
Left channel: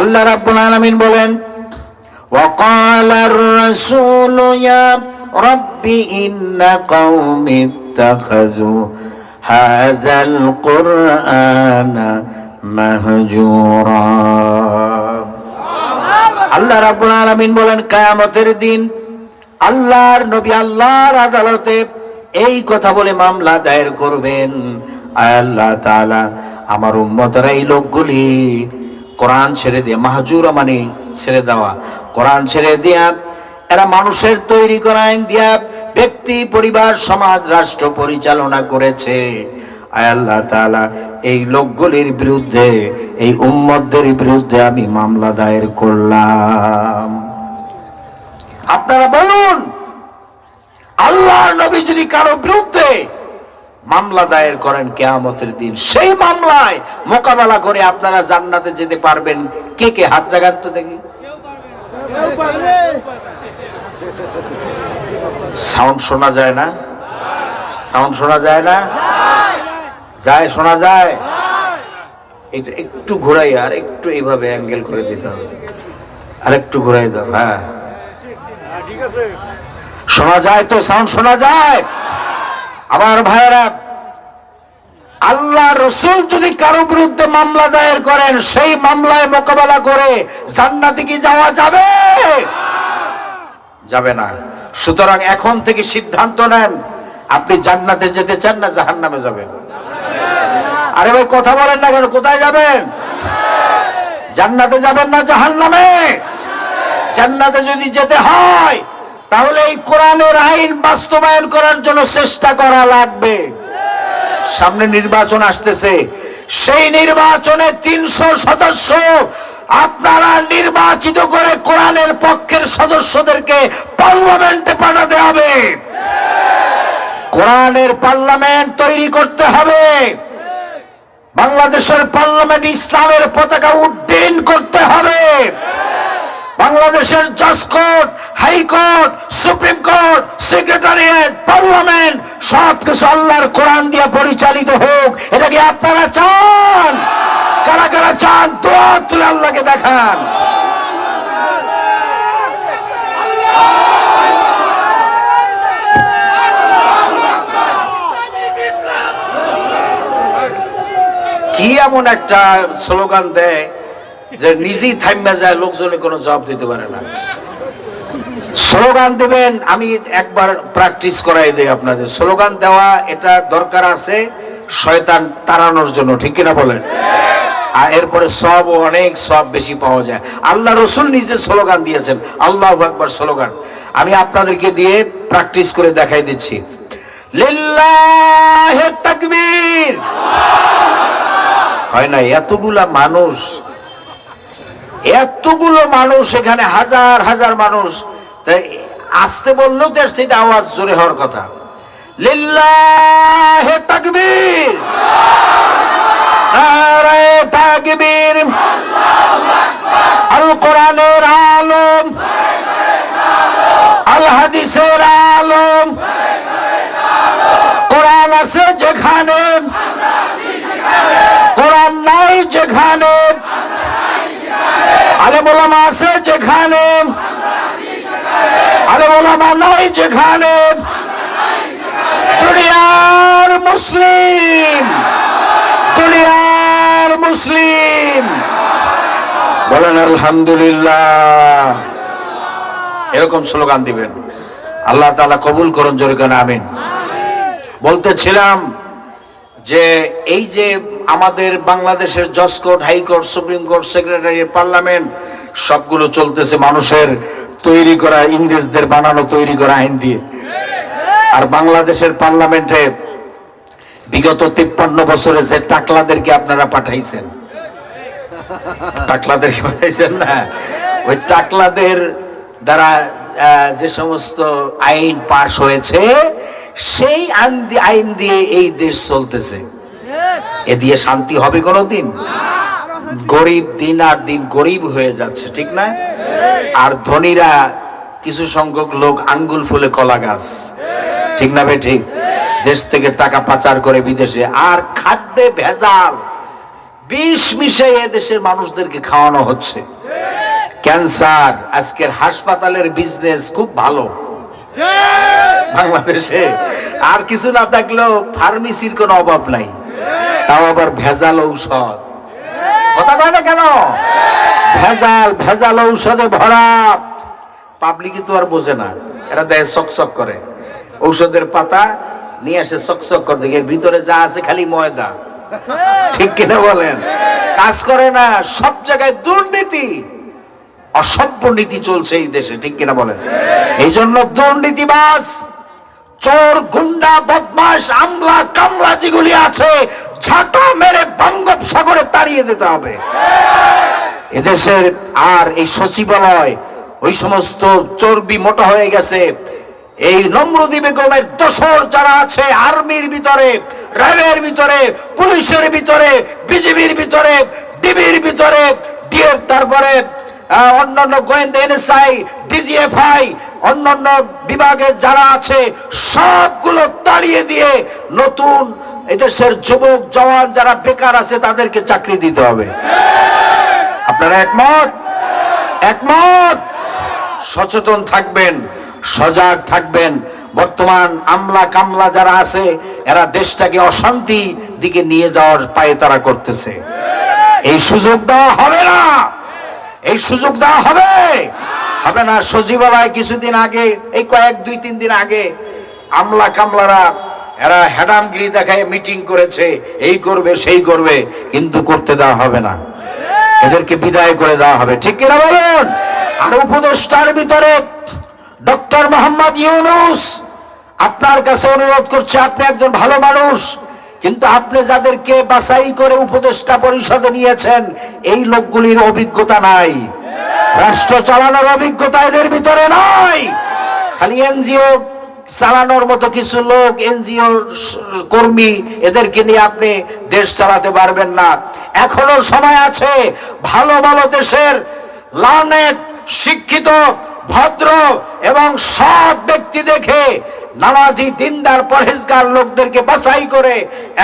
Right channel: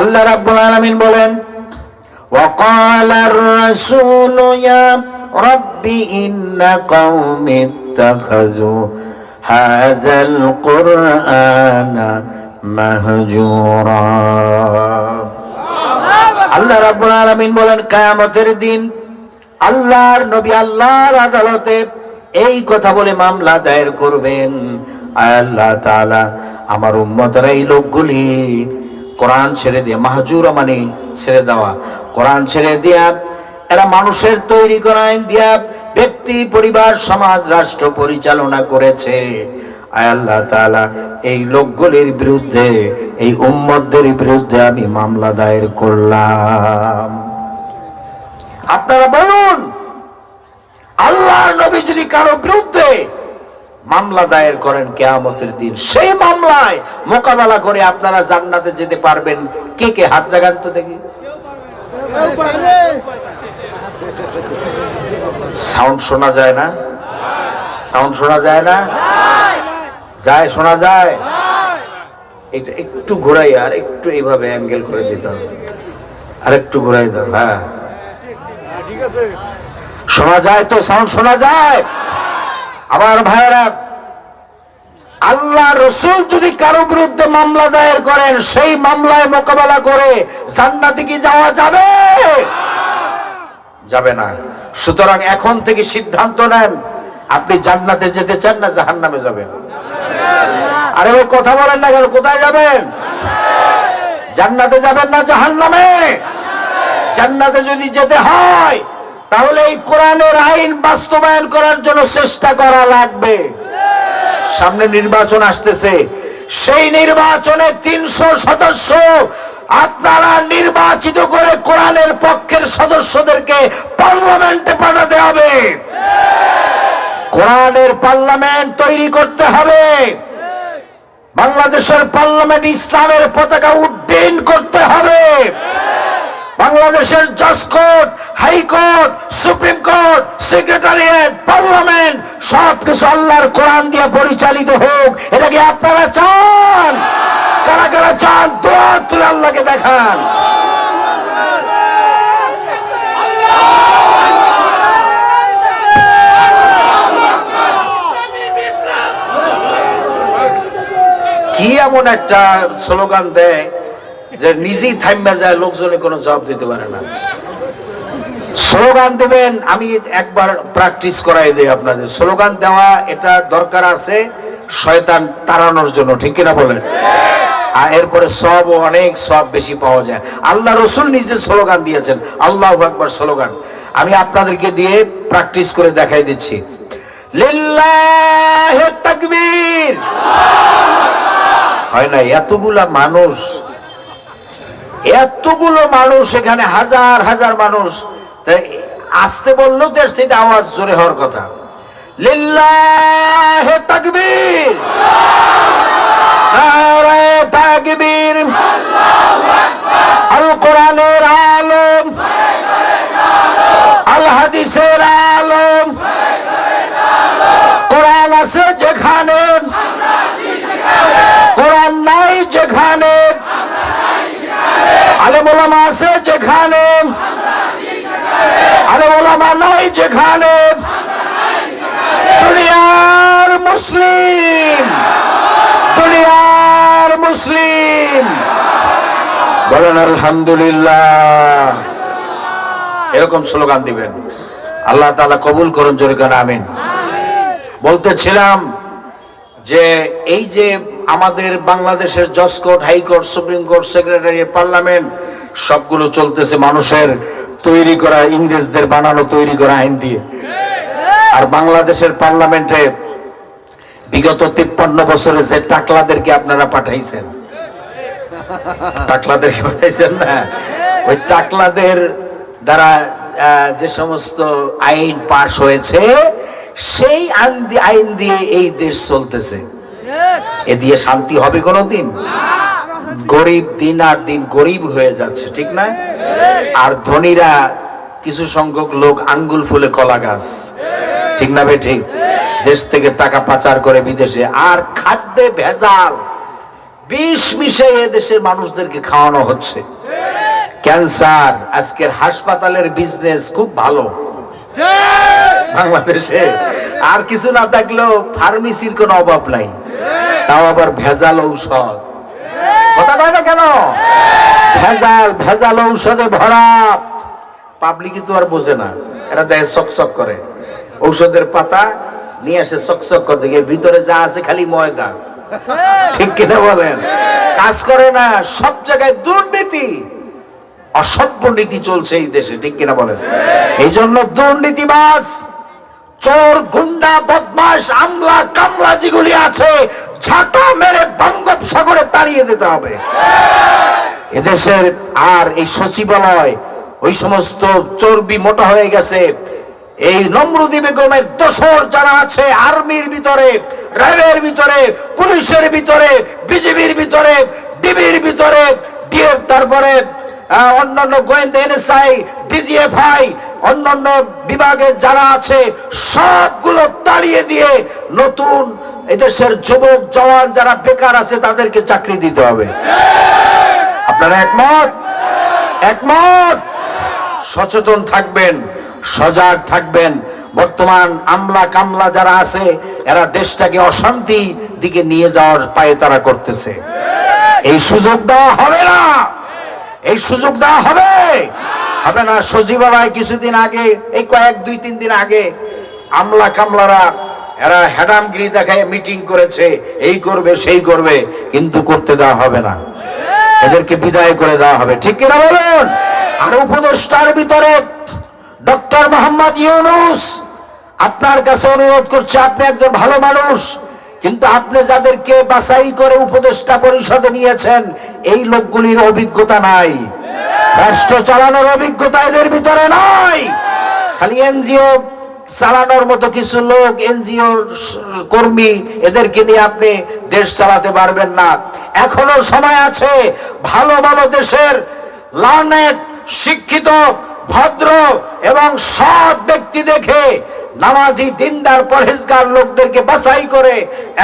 আল্লাহ রাব্বুল আলামিন বলেন, ওয়াকালার রাসূলু ইয়া রাব্বি ইন্না কওমি ইত্তাখাযু হাযাল কুরআনা মাহজুরা। আল্লাহ রাব্বুল আলামিন বলেন, কিয়ামতের দিন আল্লাহর নবী আল্লাহর আদালতে এই কথা বলে মামলা দায়ের করবেন, আয় আল্লাহ তাআলা, আমার উম্মতের এই লোকগুলি কোরআন ছেড়ে দিয়ে, মাহজুরা মানে ছেড়ে দেওয়া, কোরআন ছেড়ে দিয়া এরা মানুষের তৈরি করা আইন দিয়া ব্যক্তি, পরিবার, সমাজ, রাষ্ট্র পরিচালনা করেছে। আয় আল্লাহ তাআলা, এই লোকগুলির বিরুদ্ধে, এই উম্মতদের বিরুদ্ধে আমি মামলা দায়ের করলাম। আপনারা বলুন, আল্লাহর নবী যদি কারো বিরুদ্ধে মামলা দায়ের করেন কিয়ামতের দিন, সেই মামলায় মোকাবেলা করে আপনারা জান্নাতে যেতে পারবেন? কে কে হাত জাগান তো দেখি। সাউন্ড শোনা যায় না? সাউন্ড শোনা যায় না? যায়, শোনা যায়? এটা একটু ঘোরাই, আর একটু এইভাবে অ্যাঙ্গেল করে দিতে হবে, আর একটু ঘোরাই দাও। হ্যাঁ, শোনা যায় তো? সাউন্ড শোনা যায়? আমার ভাইয়েরা, আল্লাহ রসুল যদি কারো বিরুদ্ধে মামলা দায়ের করেন, সেই মামলায় মোকাবেলা করে জান্নাতে কি যাওয়া যাবে? যাবে না। সুতরাং এখন থেকে সিদ্ধান্ত নেন, আপনি জান্নাতে যেতে চান না জাহান্নামে যাবেন? আরে ভাই কথা বলেন না কেন? কোথায় যাবেন? জান্নাতে যাবেন না জাহান্নামে? জান্নাতে যদি যেতে হয় তাহলে এই কোরআনের আইন বাস্তবায়ন করার জন্য চেষ্টা করা লাগবে। সামনে নির্বাচন আসতেছে, সেই নির্বাচনে 300 সদস্য আপনারা নির্বাচিত করে কোরআনের পক্ষের সদস্যদেরকে পার্লামেন্টে পাঠাতে হবে। কোরআনের পার্লামেন্ট তৈরি করতে হবে। বাংলাদেশের পার্লামেন্ট ইসলামের পতাকা উড্ডীন করতে হবে। বাংলাদেশের জজ court, high court, supreme court, secretariat, parliament সবকিছু আল্লাহর কোরআন দিয়ে পরিচালিত হোক। এটা কি আপনারা চান? কারা কারা চান? দোয়া তুলে আল্লাহকে দেখান। কি এমন একটা স্লোগান দেয় যে নিজেই থাইমা যায়, লোকজনে কোনো জবাব দিতে পারে না। স্লোগান দিবেন, আমি একবার প্র্যাকটিস করাই দেই আপনাদের। স্লোগান দেওয়া এটা দরকার আছে শয়তান তাড়ানোর জন্য, ঠিক কিনা বলেন? আর এরপরে সব, অনেক সব বেশি পাওয়া যায়। আল্লাহ রসুল নিজে স্লোগান দিয়েছেন, আল্লাহু আকবার স্লোগান। আমি আপনাদেরকে দিয়ে প্র্যাকটিস করে দেখাই দিচ্ছি। লিল্লাহি তাকবীর। হয় না? এতগুলো মানুষ এখানে, হাজার হাজার মানুষ, আসতে বললেও তো সেটা আওয়াজ জোরে হওয়ার কথা। লিল্লাহি তাকবীর, নারে তাকবীর। আল কোরআনের আলম, আল হাদিসের আলম, কোরআন আছে যেখানে, কোরআন নাই যেখানে, আলেম ওলামা আছে যেখানে, আলেম ওলামা নাই যেখানে, দুনিয়ার মুসলিম, দুনিয়ার মুসলিম বলেন আলহামদুলিল্লাহ। এরকম স্লোগান দিবেন। আল্লাহ তাআলা কবুল করুন, জোরে করে আমিন। বলতেছিলাম যে এই যে আমাদের বাংলাদেশের জজ court, high court, supreme court, secretariat, parliament সবগুলো চলতেছে মানুষের তৈরি করা, ইংরেজদের বানানো তৈরি করা আইন দিয়ে। আর বাংলাদেশের পার্লামেন্টে বিগত 53 বছরে যে টাকলাদেরকে আপনারা পাঠাইছেন, টাকলাদের পাঠাইছেন না, ওই টাকলাদের দ্বারা যে সমস্ত আইন পাশ হয়েছে, সেই আইন দিয়ে এই দেশ চলতেছে। এ দিয়ে শান্তি হবে কোনোদিন? গরিব দিন আর দিন গরিব হয়ে যাচ্ছে, ঠিক না? আর ধনীরা কিছু সংখ্যক লোক আঙ্গুল ফুলে কলা গাছ, ঠিক না ভাই? ঠিক। দেশ থেকে টাকা পাচার করে বিদেশে, আর খাদ্যে ভেজাল, বিষ মিশে এ দেশের মানুষদেরকে খাওয়ানো হচ্ছে। ক্যান্সার, আজকের হাসপাতালের বিজনেস খুব ভালো বাংলাদেশে। আর কিছু না থাকলেও ফার্মেসির কোনো অভাব নাই, তাও আবার ভেজাল ঔষধ। কথা বলে না কেন? ভেজাল ঔষধে ভরা। পাবলিক তো আর বোঝে না, এরা দেয় চকচক করে। ঔষধের পাতা নিয়ে আসে চকচক করে, দেখে ভিতরে যা আছে খালি ময়দা, ঠিক কিনা বলেন? কাজ করে না। সব জায়গায় দুর্নীতি, অসভ্য নীতি চলছে এই দেশে, ঠিক কিনা বলেন? এই জন্য দুর্নীতিবাজ, চোর, গুন্ডা, বদমাশ, আমলা কামলা যেগুলি আছে, ঝাঁটা মেরে বঙ্গোপসাগরে তাড়িয়ে দিতে হবে এদেশের। আর এই সচিবালয়, ওই সমস্ত চর্বি মোটা হয়ে গেছে। এই নমরুদি বেগমের দোসর যারা আছে আর্মির ভিতরে, র্যাবের ভিতরে, পুলিশের ভিতরে, বিজিবির ভিতরে, ডিবির ভিতরে, ডিএফ, তারপরে অন্যান্য গোয়েন্দা, এনএসআই, ডিজিএফআই, অন্যান্য বিভাগের যারা আছে সবগুলো তাড়িয়ে দিয়ে নতুন এদেশের যুবক জওয়ান যারা বেকার আছে তাদেরকে চাকরি দিতে হবে। আপনারা একমত? একমত? সচেতন থাকবেন, সজাগ থাকবেন। বর্তমান আমলা কামলা যারা আছে এরা দেশটাকে অশান্তি দিকে নিয়ে যাওয়ার পায়ে তারা করতেছে। এই সুযোগ দেওয়া হবে না, এই সুযোগ দেওয়া হবে হবে না। সচিবালয় কিছুদিন আগে, এই দুই তিন দিন আগে আমলা কামলারা এরা হ্যাডামগিরি দেখায় মিটিং করেছে, এই করবে সেই করবে, কিন্তু করতে দেওয়া হবে না, এদেরকে বিদায় করে দেওয়া হবে, ঠিক কিনা বলুন? আর উপদেষ্টার ভিতরে ডক্টর মোহাম্মদ ইউনূস, আপনার কাছে অনুরোধ করছে, আপনি একজন ভালো মানুষ, কিন্তু আপনি যাদেরকে বাছাই করে উপদেষ্টা পরিষদে নিয়েছেন এই লোকগুলির অভিজ্ঞতা নাই, রাষ্ট্র চালানোর অভিজ্ঞতা এদের ভিতরে নাই। খালি এনজিও চালানোর মতো কিছু লোক, এনজিও কর্মী, এদেরকে নিয়ে আপনি দেশ চালাতে পারবেন না। এখনো সময় আছে। ভালো ভালো দেশের লার্নেড, শিক্ষিত, ভদ্র এবং সৎ ব্যক্তি দেখে নামাজি, দিনদার, পরহেজগার লোকদেরকে বাছাই করে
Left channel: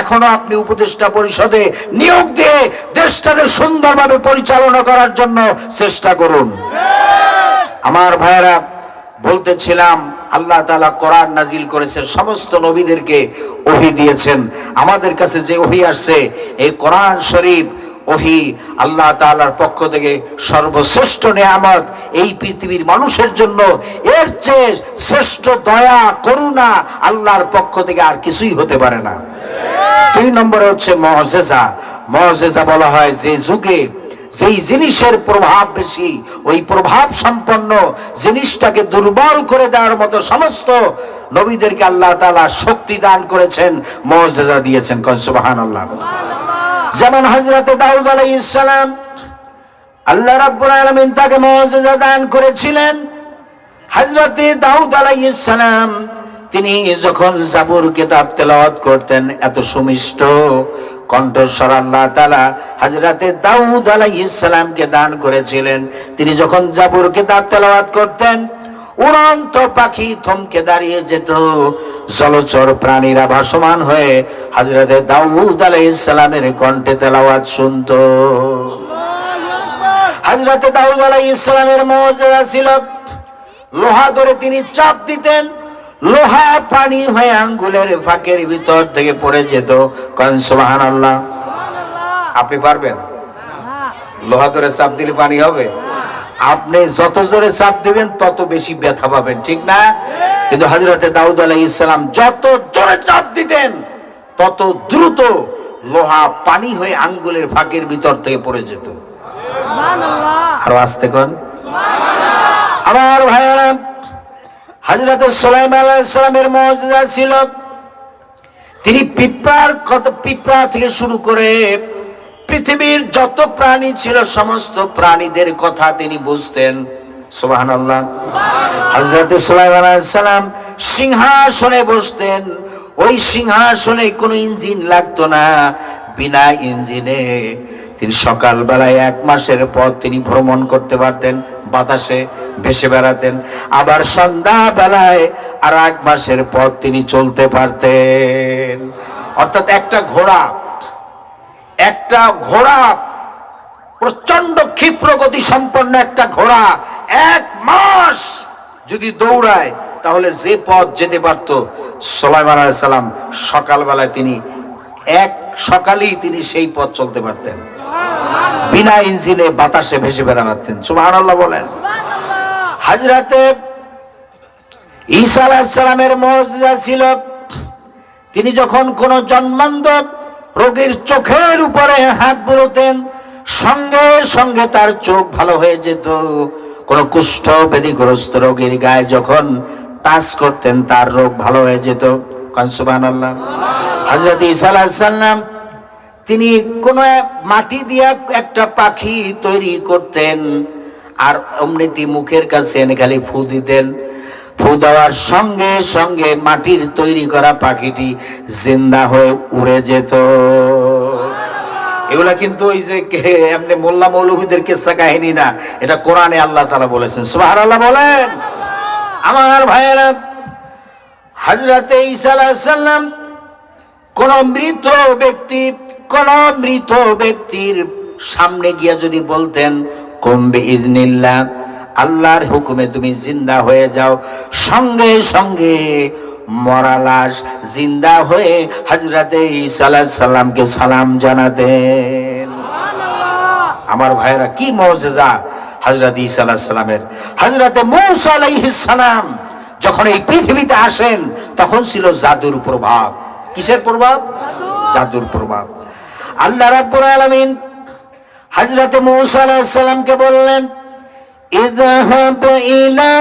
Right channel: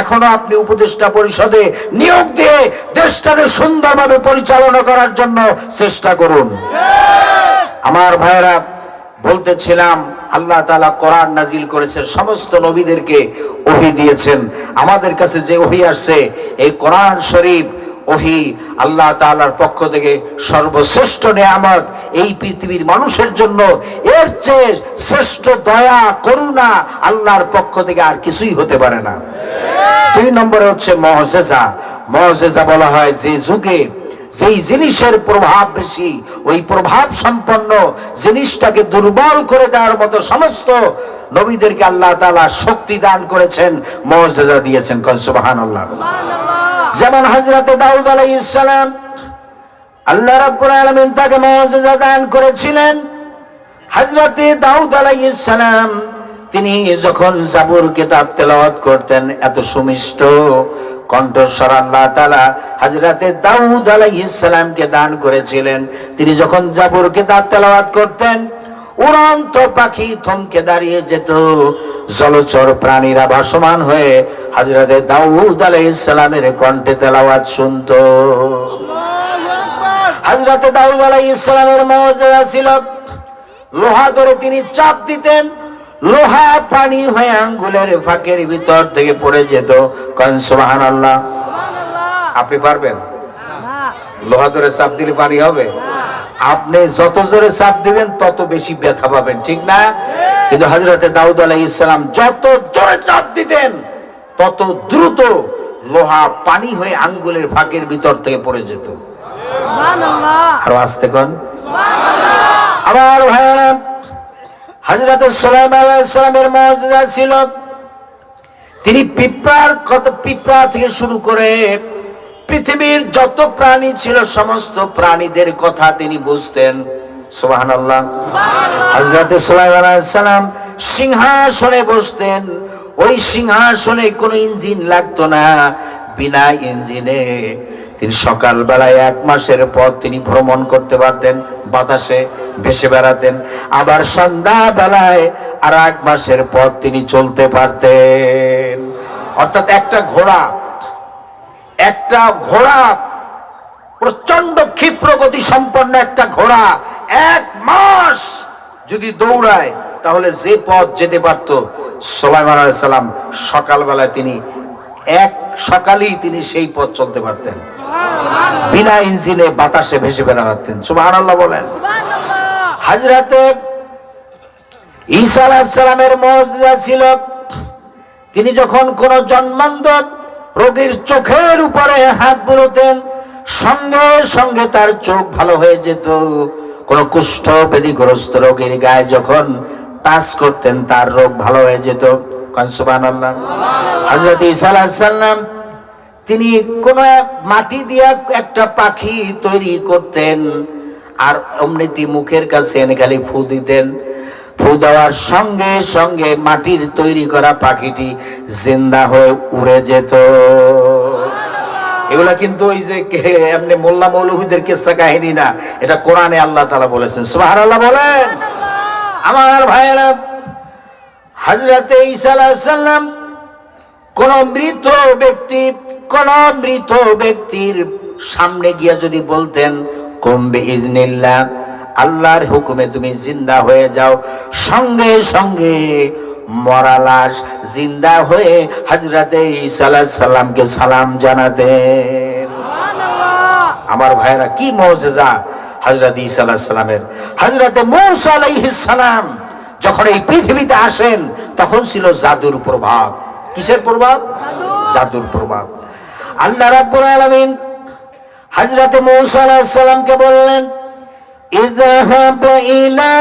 এখনো আপনি উপদেষ্টা পরিষদে নিয়োগ দিয়ে দেশটাকে সুন্দরভাবে পরিচালনা করার জন্য চেষ্টা করুন। আমার ভাইরা, বলতেছিলাম আল্লাহ তাআলা কোরআন নাজিল করেছেন, সমস্ত নবীদেরকে ওহী দিয়েছেন। আমাদের কাছে যে ওহী আসছে, এই কোরআন শরীফ ওহী আল্লাহ তাআলার পক্ষ থেকে সর্বশ্রেষ্ঠ নিয়ামত। এই পৃথিবীর মানুষের জন্য এর চেয়ে শ্রেষ্ঠ দয়া, করুণা আল্লাহর পক্ষ থেকে আর কিছুই হতে পারে না। 2 নম্বর হচ্ছে মুআজিজা। মুআজিজা বলা হয় যে যুগে যেই জিনিসের প্রভাব বেশি, ওই প্রভাব সম্পন্ন জিনিসটাকে দুর্বল করে দেওয়ার মতো সমস্ত নবীদেরকে আল্লাহ তাআলা শক্তি দান করেছেন, মুআজিজা দিয়েছেন। সুবহানাল্লাহ। যেমন হযরতে দাউদ আলাইহিস সালাম, আল্লাহ রাব্বুল আলামিন তাকে মুআজিজা দান করেছিলেন। হযরতে দাউদ আলাইহিস সালাম তিনি যখন জাবুর কিতাব তেলাওয়াত করতেন, এত সুমিষ্ট কণ্ঠস্বর আল্লাহ তাআলা হযরতে দাউদ আলাইহিস সালামকে দান করেছিলেন। তিনি যখন জাবুর কিতাব তেলাওয়াত করতেন, উড়ন্ত পাখি থমকে দাঁড়িয়ে যেত, জলচর প্রাণীরা ভাসমান হয়ে হযরতে দাউদ আলাইহিস সালামের কণ্ঠে তেলাওয়াত শুনতো। হযরতে দাউদ আলাইহিস সালামের মুআজিজা ছিল, লোহা ধরে তিনি চাপ দিতেন, লোহা পানি হয়ে আঙ্গুলের ফাঁকের ভিতর থেকে পড়ে যেত। কান সুবহানাল্লাহ। আপনি পারবেন? লোহা ধরে চাপ দিলে পানি হবে? আপনি যত জোরে চাপ দিবেন তত বেশি ব্যথা পাবেন, ঠিক না? কিন্তু হযরতে দাউদ আলাইহিস সালাম যত জোরে চাপ দিতেন তত দ্রুত লোহা পানি হয়ে আঙ্গুলের ফাঁকের ভিতর থেকে পড়ে যেত। আর আস্তে কোন আমার ভাইরা, হযরতে সুলাইমান আলাইহিস সালামের মুআজিজা ছিল, তিনি পিঁপড়া থেকে শুরু করে পৃথিবীর যত প্রাণী ছিল সমস্ত প্রাণীদের কথা তিনি বুঝতেন। সুবহানাল্লাহ। হযরতে সুলাইমান আলাইহিস সালাম সিংহাসনে বসতেন। ওই সিংহাসনে কোনো ইঞ্জিন লাগতো না, বিনা ইঞ্জিনে তিনি সকালবেলায় 1 মাসের পথ তিনি ভ্রমণ করতে পারতেন, বাতাসে ভেসে বেড়াতেন। আবার সন্ধ্যা বেলায় আর 1 মাসের পথ তিনি চলতে পারতেন। অর্থাৎ একটা ঘোড়া প্রচন্ড ক্ষিপ্র গতি সম্পন্ন একটা ঘোড়া 1 মাস যদি দৌড়ায় তাহলে যে পথ যেতে পারত, সুলাইমান আলাইহিস সালাম সকালবেলায় তিনি সকালেই তিনি সেই পথ চলতে পারতেন, বিনা ইঞ্জিনে বাতাসে ভেসে বেড়াতেন। সুবহানাল্লাহ বলেন। হযরতে ঈসা আলাইহিস সালামের মুজিজা ছিল, তিনি যখন কোন জন্মান্ধ রোগীর চোখের উপরে হাত বুলোতেন সঙ্গে সঙ্গে তার চোখ ভালো হয়ে যেত। কোন কুষ্ঠ ব্যাধিগ্রস্ত রোগীর গায়ে যখন টাচ করতেন তার রোগ ভালো হয়ে যেত। সুবহানাল্লাহ। হযরত ঈসা আলাইহিস সালাম তিনি কোন মাটি দিয়া একটা পাখি তৈরি করতেন, আর অমৃতি মুখের কাছে এনে খালি ফু দিতেন। ফু দেওয়ার সঙ্গে সঙ্গে মাটির তৈরি করা পাখিটি জিন্দা হয়ে উড়ে যেত। এগুলা কিন্তু ওই যে এমনি মোল্লা মৌলভীদের কিস্সা কাহিনী না, এটা কোরআনে আল্লাহ তাআলা বলেছেন। সুবহানাল্লাহ বলেন। আমার ভাইয়েরা, হযরতে ঈসা আলাইহিস সালাম কোন মৃত ব্যক্তির সামনে গিয়া যদি বলতেন কুম বিইজনিল্লাহ, আল্লাহর হুকুমে তুমি জিন্দা হয়ে যাও, সঙ্গে সঙ্গে মরা লাশ জিন্দা হয়ে হযরতে ঈসা আলাইহিস সালামকে সালাম জানাতেন। আমার ভাইরা, কি মুজিজা হযরত ঈসা আলাইহিস সালামের। হযরতে মূসা আলাইহিস সালাম যখন এই পৃথিবীতে আসেন তখন ছিল জাদুর প্রভাব। কিসের প্রভাব? জাদুর প্রভাব। আল্লাহ রাব্বুল আলামিন হযরতে মূসা আলাইহিস সালামকে বললেন, ইযহাব ইলা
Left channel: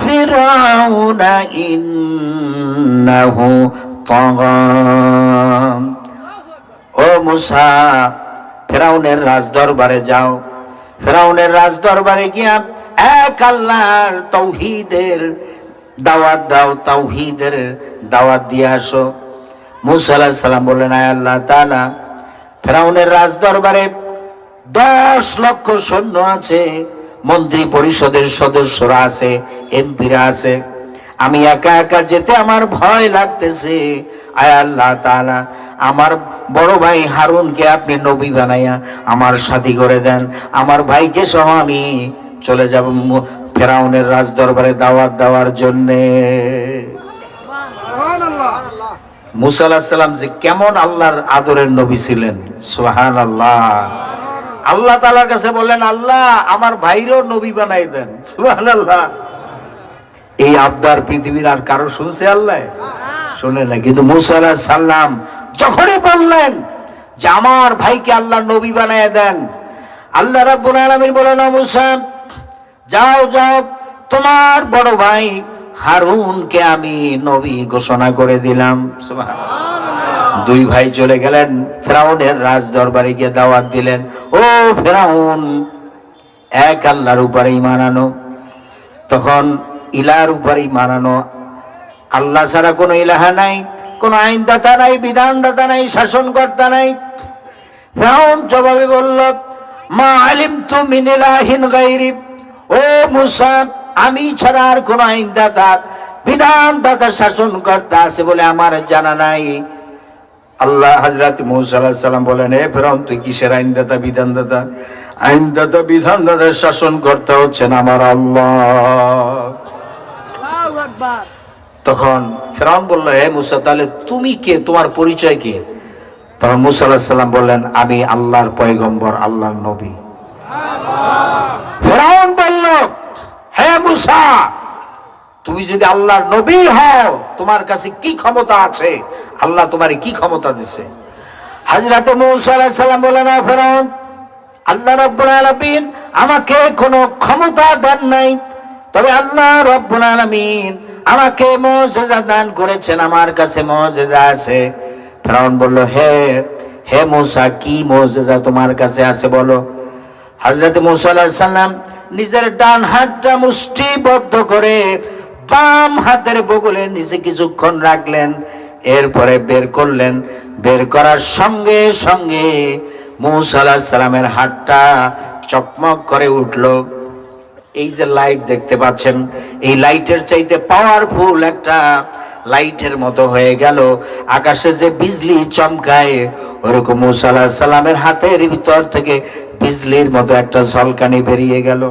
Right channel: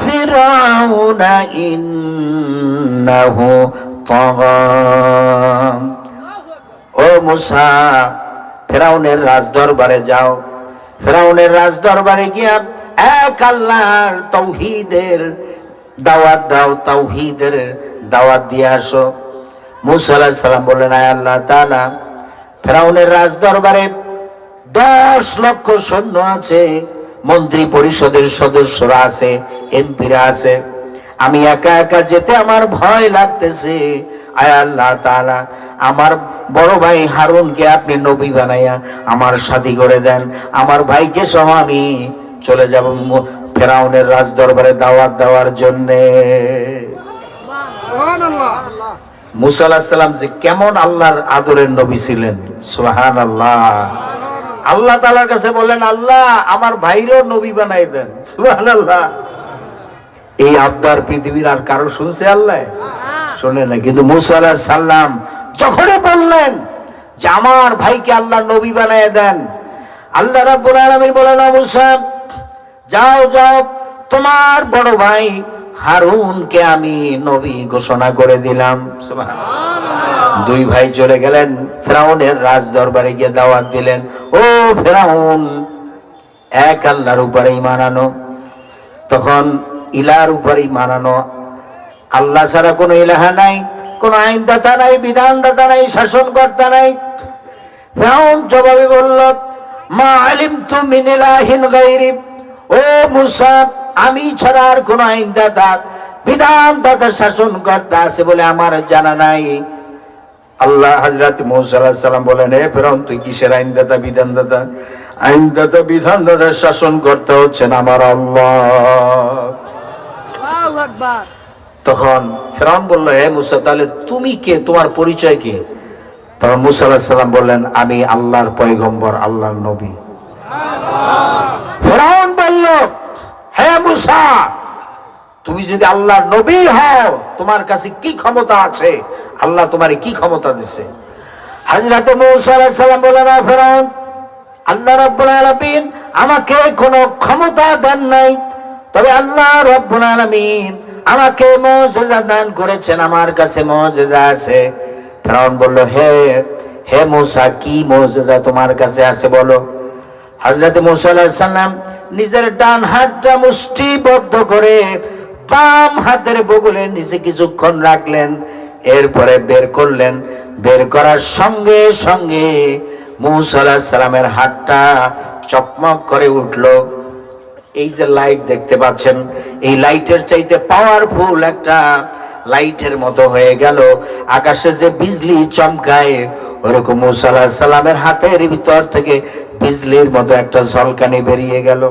ফিরআউনা ইন্নাহু তাগা। ও মূসা, ফিরআউনের রাজদরবারে যাও। ফিরআউনের রাজদরবারে গিয়া এক আল্লাহর তাওহীদের দাওয়াত দাও, তাওহীদের দাওয়াত দিয়ে আসো। মূসা আলাইহিস সালাম বললেন, আয় আল্লাহ তাআলা, ফিরআউনের রাজদরবারে 10 লক্ষ সৈন্য আছে, মন্ত্রী পরিষদের সদস্যরা আছে, এমপিরা আছে, আমি একা একা যেতে আমার ভয় লাগতেছে। আয় আল্লাহ তাআলা, আমার বড় ভাই হারুনকে আপনি নবী বানাইয়া আমার সাথী করে দেন, আমার ভাইকে সহ আমি চলে যাব ফিরআউনের রাজদরবারে দাওয়াত দেওয়ার জন্য। মূসা আলাইহিস সালাম যে কেমন আল্লাহর আদরের নবী ছিলেন, সুবহানাল্লাহ। আল্লাহ তাআলার কাছে বললেন, আল্লাহ আমার ভাইরও নবী বানাই দেন। সুবহানাল্লাহ। এই আবদার পৃথিবীর আর কারো শুনছে আল্লাহ? শুনে না। কিন্তু মূসা আলাইহিস সালাম যখনই বললেন যে আমার ভাইকে আল্লাহ নবী বানায় দেন, আল্লাহ রাব্বুল আলামিন বলেন, মূসা যাও যাও, তোমার বড় ভাই হারুনকে আমি নবী ঘোষণা করে দিলাম। সুবহানাল্লাহ। 2 ভাই চলে গেলেন ফিরআউনের রাজ দরবারে গিয়ে দাওয়াত দিলেন, ও ফিরআউন, এক আল্লাহর উপরে ঈমান আনো। তখন ইলার উপরে ঈমান আনো, আল্লাহ ছাড়া কোনো ইলাহা নাই, কোন আইনদাতা নাই, বিধানদাতা নাই, শাসনকর্তা নাই। ফিরআউন জবাবে বলল, মা আলিমতু মিন ইলাহিন গায়রি। ও মূসা, আমি ছাড়া আর কোন আইনদাতা, বিধানদাতা, শাসনকর্তা আছে বলে আমার জানা নাই। আল্লাহ হযরত মূসা আলাইহিস সালাম বলেন, হে ফিরআউন, তুই কিসের আইনদাতা, বিধানদাতা? আইনদাতা, বিধানদাতা, শাসনকর্তা হচ্ছেন আমার আল্লাহ। আল্লাহু আকবার। তখন ফিরআউন বলল, হে মূসা, তাহলে তুমি কে, তোমার পরিচয় কি? তখন মূসা আলাইহিস সালাম বললেন, আমি আল্লাহর পয়গম্বর, আল্লাহর নবী। ফিরআউন বলল, হে মূসা, তুমি যদি আল্লাহর নবী হও, তোমার কাছে কি ক্ষমতা আছে? আল্লাহ তোমার কি ক্ষমতা দিছে? হযরত মূসা আলাইহিস সালাম বললেন, ফিরআউন, আল্লাহ রাব্বুল আলামিন আমাকে কোনো ক্ষমতা দেন নাই, তবে আল্লাহ রাব্বুল আলামিন আমাকে মুজিজা দান করেছেন, আমার কাছে মুজিজা আছে। ফিরআউন বলল, হে মূসা, কি মুজিজা তোমার কাছে আছে বলো। হযরত মূসা আলাইহিস সালাম নিজের ডান হাতটা মুষ্টিবদ্ধ করে বাম হাতের বগলে নিচে কিছুক্ষণ রাখলেন, এরপরে বের করলেন। বের করার সঙ্গে সঙ্গে মূসা আলাইহিস সালামের হাতটা চকমক করে উঠলো। এই যে লাইট দেখতে পাচ্ছেন, এই লাইটের চাইতে পাওয়ারফুল একটা লাইটের মতো হয়ে গেল। আকাশে যে বিজলি চমকায়, ওরকম মূসা আলাইহিস সালামের হাতের ভিতর থেকে বিজলির মতো একটা ঝলকানি বেরিয়ে গেল।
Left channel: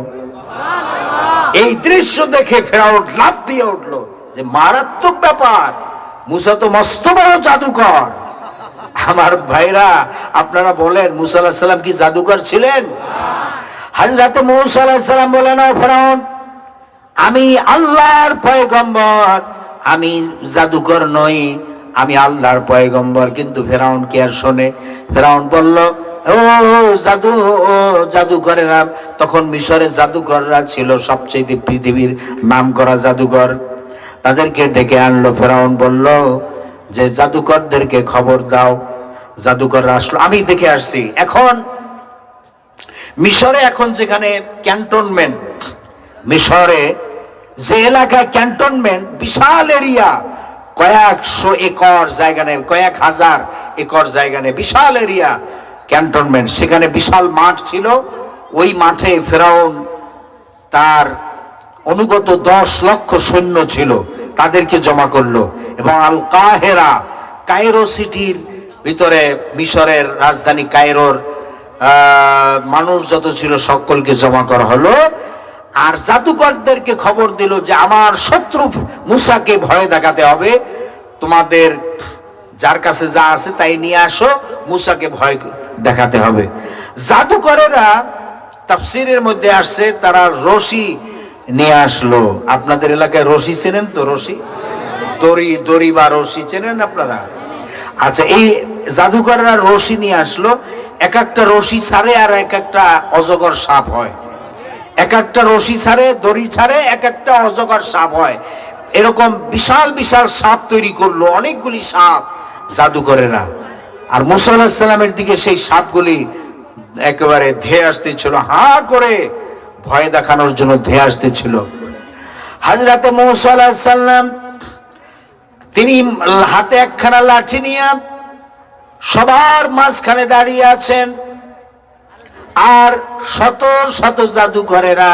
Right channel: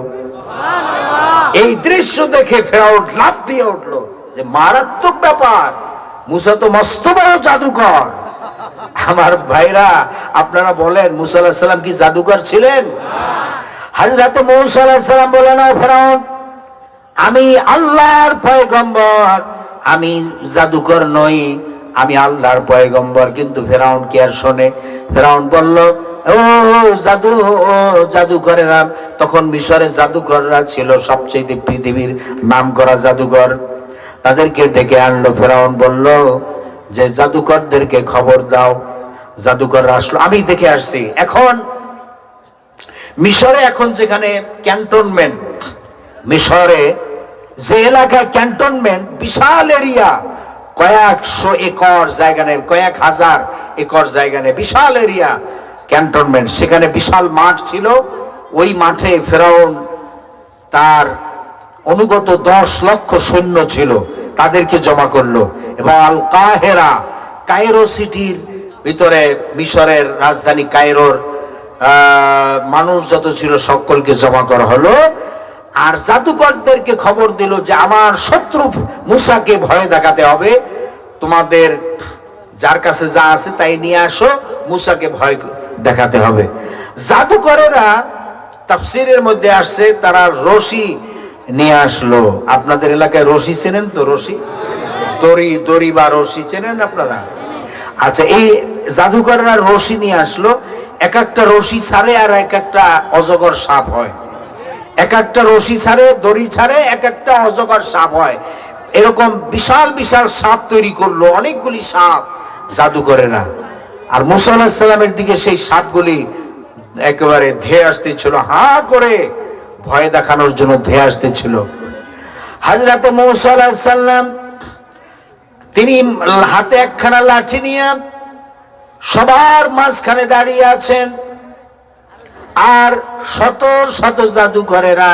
এই দৃশ্য দেখে ফেরাউন লাফ দিয়ে উঠলো যে মারাত্মক ব্যাপার, মূসা তো মস্ত বড় জাদুকর। আমার ভাইরা, আপনারা বলেন মূসা আলাইহিস সালাম কি জাদুকর ছিলেন? হযরত মূসা আলাইহিস সালাম বলেন, ও ফেরাউন, আমি আল্লাহর পয়গম্বর, আমি জাদুকর নই, আমি আল্লাহর পয়গম্বর। কিন্তু ফেরাউন কি আর শোনে? ফেরাউন বলল, ও জাদুকরেরা, তখন মিশরের জাদুকররা ছিল সবচেয়ে পৃথিবীর নামকরা জাদুকর। তাদেরকে ডেকে আনলো। ফেরাউন বলল যে জাদুকরদেরকে খবর দাও। জাদুকররা আসলো, আমি দেখে আসছি। এখন মিশরে এখন যেখানে ক্যান্টনমেন্ট, মিশরে যে এলাকা ক্যান্টনমেন্ট, বিশাল এরিয়া, কয়েকশো একর জায়গা নেই, কয়েক হাজার একর জায়গা নেই, বিশাল এরিয়া ক্যান্টনমেন্ট। সেখানে বিশাল মাঠ ছিল। ওই মাঠে ফেরাউন তার অনুগত 10 লক্ষ সৈন্য ছিল, তাদেরকে জমা করলো এবং আল কাহেরা, কায়রো সিটির ভিতরে, মিশরের রাজধানী কায়রোর মানুষ যত ছিল সকলকে জমা করা হলো। আর জাদুকরদেরকে খবর দিল যে আমার শত্রু মূসাকে ভয় দেখাতে হবে, তোমাদের যার কাছে যা আছে তাই নিয়ে আসো, মূসাকে ভয় দেখাতে হবে। জাদুকরেরা তাফসীরের মধ্যে আসছে তারা রশি নিয়ে আসলো। আপনাদের এলাকায় রশি চেনেন তো? রশি, দড়ি বা রশি চেনেন আপনারা? আচ্ছা, এই জাদুকরেরা রশি নিয়ে আসলো। এক একটা রশি ছাড়ে আর এক একটা অজগর সাপ হয়। এক একটা রশি ছাড়ে, দড়ি ছাড়ে, এক একটা অজগর সাপ হয়। এরকম বিশাল বিশাল সাপ তৈরি করলো, অনেকগুলি সাপ জাদুকরেরা। আর মূসা আলাইহিস সালামের দিকে সেই সাপগুলি একেবারে ধেয়ে আসতেছিল, হা করে ভয় দেখানোর জন্য ধেয়ে আসতেছিল। হযরতে মূসা আলাইহিস সালাম তিনি হাতে একখানা লাঠি নিয়ে সবার মাঝখানে দাঁড়িয়ে আছেন, আর শত শত জাদুকরেরা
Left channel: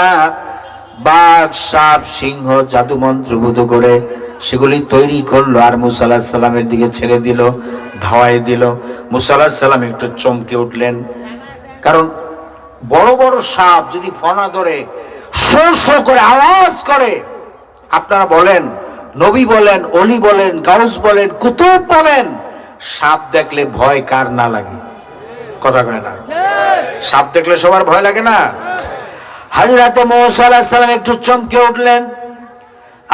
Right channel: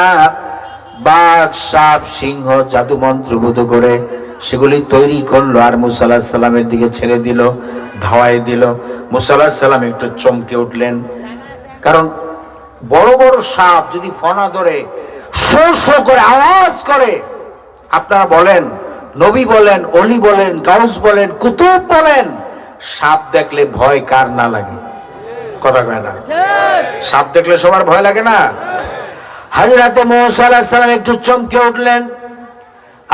বাঘ, সাপ, সিংহ জাদু মন্ত্রভূত করে সেগুলি তৈরি করলো আর মূসা আলাইহিস সালামের দিকে ছেড়ে দিল, ধাওয়াই দিল। মূসা আলাইহিস সালাম একটু চমকে উঠলেন, কারণ বড় বড় সাপ যদি ফনা ধরে শো শো করে আওয়াজ করে, আপনারা বলেন, নবী বলেন, অলি বলেন, গাউস বলেন, কুতুব বলেন, সাপ দেখলে ভয় কার না লাগে? কথা কয় না? সাপ দেখলে সবার ভয় লাগে না? হযরতে মূসা আলাইহিস সালাম একটু চমকে উঠলেন।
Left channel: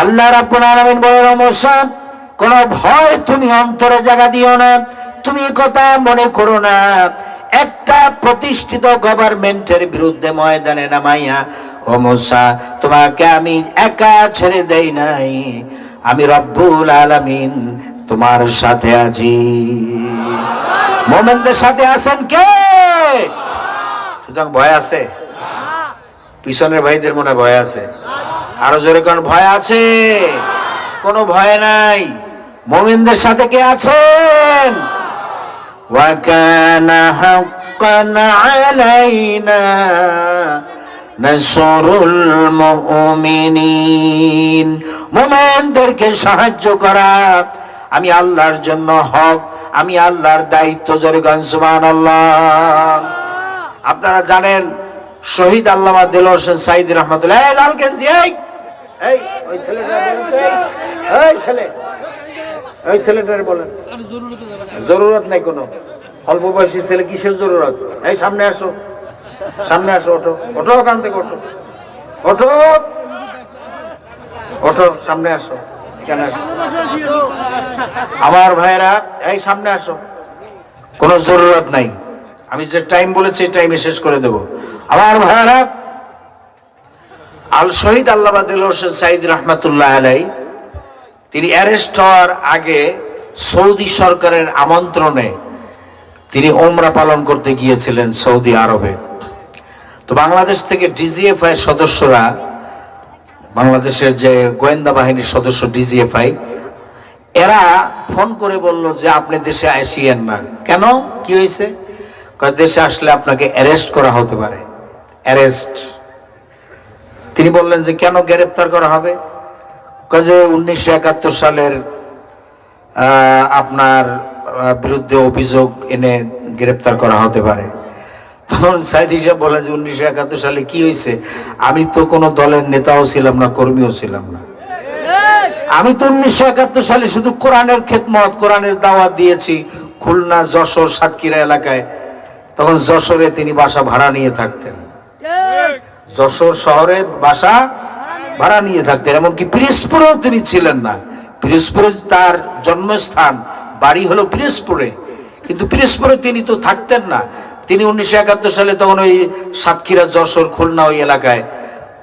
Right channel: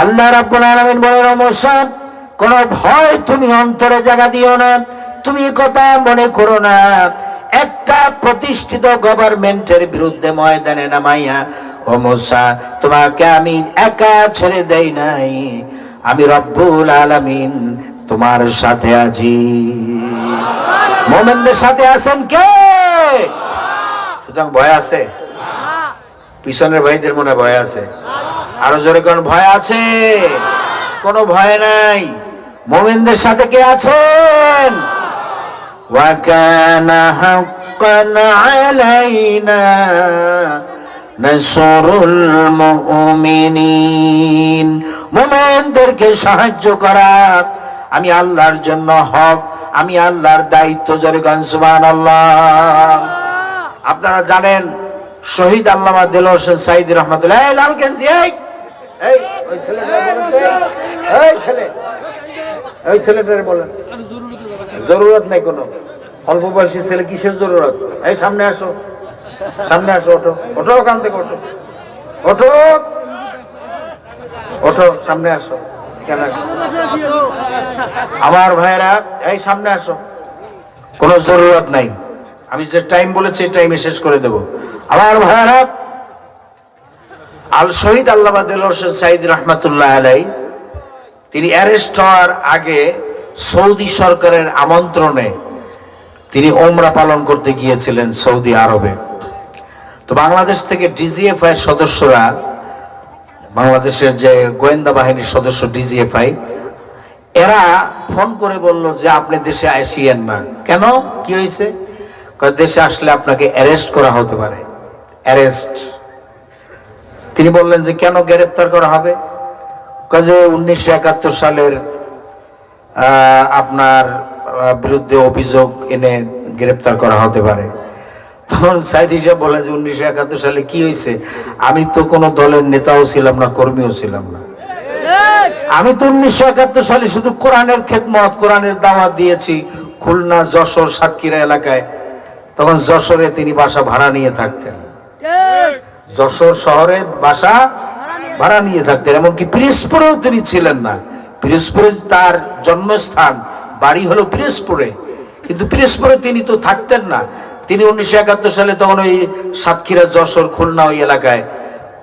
আল্লাহ রাব্বুল আলামিন বলেন, ও মূসা, কোন ভয় তুমি অন্তরে জায়গা দিও না, তুমি কথা মনে করো না। একটা প্রতিষ্ঠিত গভর্নমেন্টের বিরুদ্ধে ময়দানে নামাইয়া, ও মূসা, তোমাকে আমি একা ছেড়ে দেই নাই, আমি রব্বুল আলামিন তোমার সাথে আছি। মুমিনদের সাথে আছেন কে? সুতরাং ভয় আছে? পিছনের ভাইদের মনে ভয় আছে? আরো জোরে কোন ভয় আছে? কোনো ভয় নাই। মুমিনদের সাথে কে আছেন? ওয়া কানা হাক্কান আলাইনা নাসরুল মুমিনিন, মুমিনদেরকে সাহায্য করা আমি আল্লাহর জন্য হক, আমি আল্লাহর দায়িত্ব। জোরে গান সুবহানাল্লাহ। আপনারা জানেন শহীদ আল্লামা দেলোয়ার হোসেন সাঈদী রহমাতুল্লাহ, এই লাল গেঞ্জি, এই ওই ছেলেটারে বলেন, জরুরত নাই কোনো, অল্প বয়সী ছেলে, কিসের জরুরত? এই সামনে আসো, সামনে আসো, ওঠো, ওঠো, ওখান থেকে ওঠো, ওঠো, ওঠো, সামনে আসো। আমার ভাইরা, এই সামনে আসো, কোনো জরুরত নাই, আমি যে টাইম বলেছি টাইমে শেষ করে দেব। আমার ভাইরা, আল শহীদ আল্লামা দেলোয়ার হোসেন সাঈদী রহমাতুল্লাহ আলাইহি, তিনি অ্যারেস্ট হওয়ার আগে সৌদি সরকারের আমন্ত্রণে তিনি ওমরা পালন করতে গিয়েছিলেন সৌদি আরবে। তো বাংলাদেশ থেকে ডিজিএফআই সদস্যরা বাংলাদেশের যে গোয়েন্দা বাহিনীর সদস্য ডিজিএফআই, এরা ফোন করে বলল যে আপনি দেশে আসিয়েন না। কেন, কি হয়েছে? দেশে আসলে আপনাকে অ্যারেস্ট করা হতে পারে। অ্যারেস্ট। তিনি বললেন যে কেন গ্রেফতার করা হবে? যে 1971 সালের আপনার বিরুদ্ধে অভিযোগ এনে গ্রেফতার করা হতে পারে। তখন সাইদি সাহেব বলেন যে 1971 সালে কি হয়েছে? আমি তো কোনো দলের নেতাও ছিলাম না, কর্মীও ছিলাম না। আমি তো 1971 সালে শুধু কোরআনের খেদমত, কোরআনের দাওয়াত দিয়েছি খুলনা, যশোর, সাতক্ষীরা এলাকায়। তখন যশোরে তিনি বাসা ভাড়া নিয়ে থাকতেন, যশোর শহরে বাসা ভাড়া নিয়ে থাকতেন। এমনকি পিরোজপুরেও তিনি ছিলেন না। পিরোজপুরে তার জন্মস্থান, বাড়ি হলো পিরোজপুরে, কিন্তু পিরোজপুরে তিনি তো থাকতেন না। তিনি 1971 সালে তখন ওই সাতক্ষীরা, যশোর, খুলনা ওই এলাকায়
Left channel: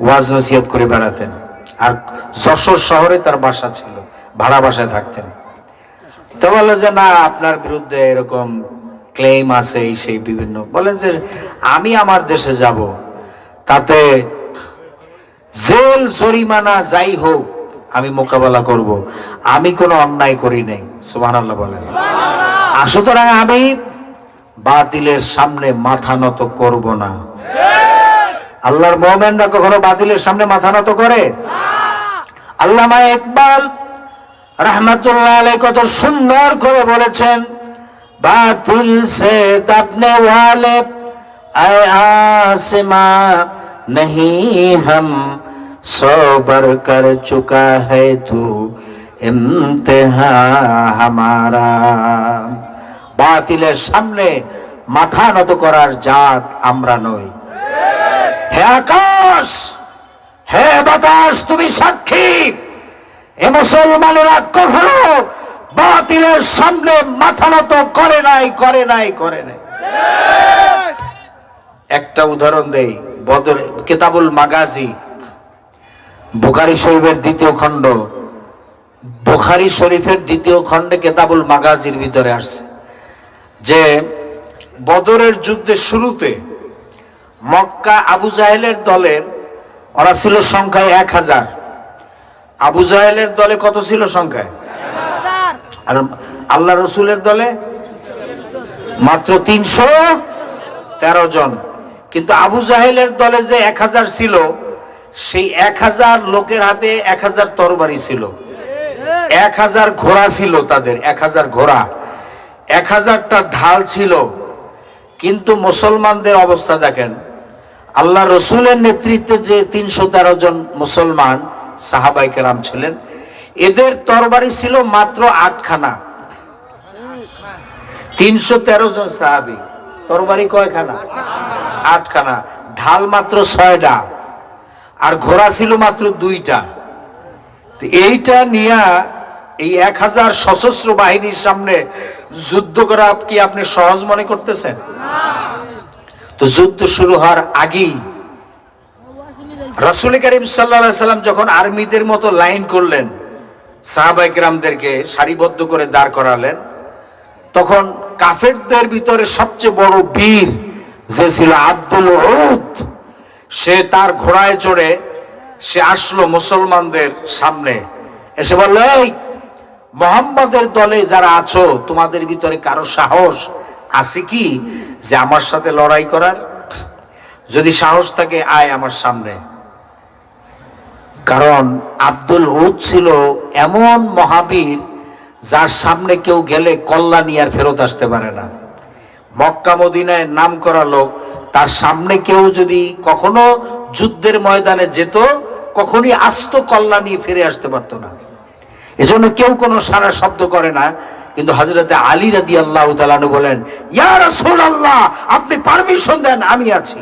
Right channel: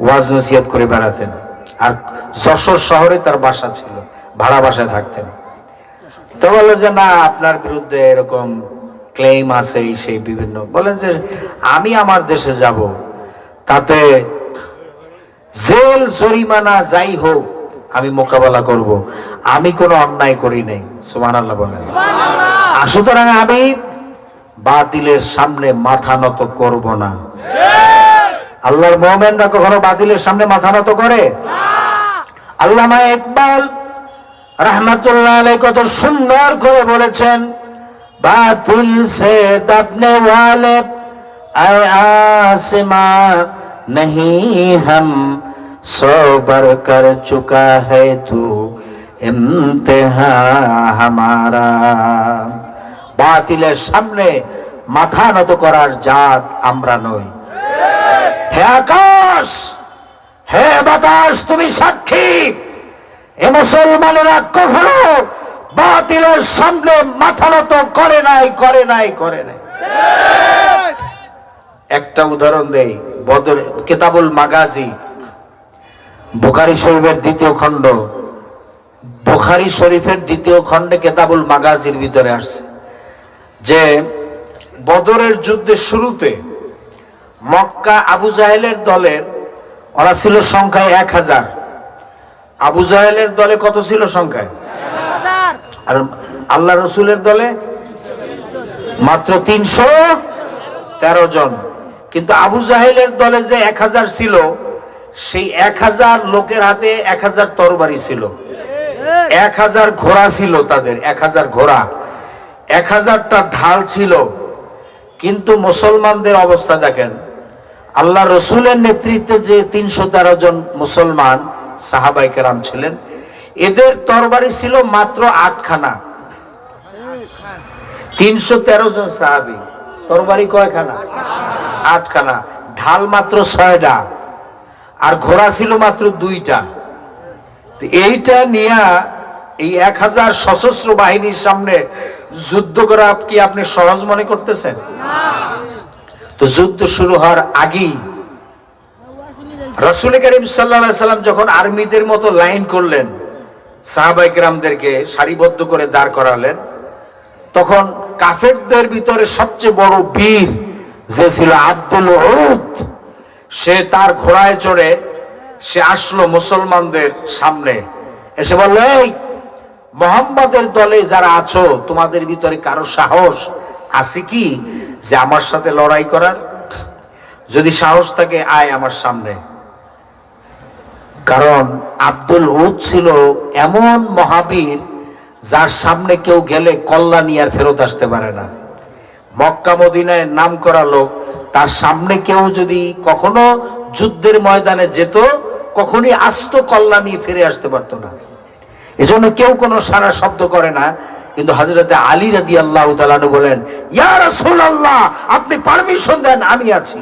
ওয়াজ নসিহত করে বেড়াতেন। আর যশোর শহরে তার বাসা ছিল, ভাড়া বাসায় থাকতেন। তো বললো যে না, আপনার বিরুদ্ধে এরকম ক্লেম আছে, সেই বিভিন্ন। বলেন যে আমি আমার দেশে যাব, তাতে জেল জরিমানা যাই হোক আমি মোকাবেলা করব, আমি কোনো অন্যায় করি নাই। সুবহানাল্লাহ বলেন। সুতরাং আমি বাতিলের সামনে মাথা নত করব না। আল্লাহর মুমিনরা কখনো বাতিলের সামনে মাথা নত করে? আল্লামা ইকবাল রাহমাতুল্লাহ আলাইহি কত সুন্দর করে বলেছেন, বাতিল সে দবনে ওয়ালে আয় आसमा नहीं हम सोबर कर चुका है तू इम्तिहा हमारा। বাতিলের সামনে মাথা নত করার জাত আমরা নই। হে আকাশ, হে বাতাস, তুমি সাক্ষী, এ মুসলমানেরা কখনো বাতিলের সামনে মাথা নত করে নাই, করে নাই, করে নাই। একটা উদাহরণ দেই। বদর কিতাবুল মাগাজি, বুখারী শরীফের দ্বিতীয় খণ্ড, বুখারী শরীফের দ্বিতীয় খণ্ডে কিতাবুল মাগাজির ভিতরে আসছে যে বদরের যুদ্ধের শুরুতে মক্কা আবু জাহেলের দলের, ওরা ছিল সংখ্যায় 1000। আবু জাহেলের দলে কত ছিল সংখ্যায়? আর আল্লাহ রসুলের দলে মাত্র 313 জন। কিন্তু আবু জাহেলের দলে যে 1000 ছিল, সেই 1000 লোকের হাতে 1000 তরবারি ছিল, 1000 ঘোড়া ছিল তাদের, 1000 ঘোড়া, 1000টা ঢাল ছিল। কিন্তু মুসলমানদের অবস্থা দেখেন, আল্লাহ রসুলের নেতৃত্বে যে 313 জন মুসলমান সাহাবায়ে কেরাম ছিলেন, এদের তরবারি ছিল মাত্র 8খানা। 313 জন সাহাবী, তরবারি কয়খানা? 8খানা। ঢাল মাত্র 6টা, আর ঘোড়া ছিল মাত্র 2টা। এইটা নিয়ে এই 1000 সশস্ত্র বাহিনীর সামনে যুদ্ধ করা কি আপনি সহজ মনে করতেছেন? তো যুদ্ধ শুরু হওয়ার আগেই রাসূল করিম সাল্লাল্লাহু আলাইহি সাল্লাম যখন আর্মিদের মতো লাইন করলেন, সাহাবায়ে কেরামদেরকে সারিবদ্ধ করে দাঁড় করালেন, তখন কাফেরদের ভিতরে সবচেয়ে বড় বীর যে ছিল আব্দুল উদ, সে তার ঘোড়ায় চড়ে সে আসলো মুসলমানদের সামনে, এসে বলল, এই মুহাম্মদের দলে যারা আছো, তোমাদের ভিতরে কারো সাহস আছে কি যে আমার সাথে লড়াই করার? যদি সাহস থাকে আয় আমার সামনে। কারণ আব্দুল উদ ছিল এমন মহাবীর, যার সামনে কেউ গেলে কল্যাণী আর ফেরত আসতে পারে না। মক্কা মদিনায় নাম করা লোক, তার সামনে কেউ যদি কখনো যুদ্ধের ময়দানে যেত, কখনই আস্ত কল্যাণী ফিরে আসতে পারতো না। এজন্য কেউ কোনো সারা শব্দ করে না। কিন্তু হযরতে আলী রাদিয়াল্লাহু তাআলা আনহু বলেন, ইয়া রাসূলুল্লাহ, আপনি পারমিশন দেন, আমি আছি।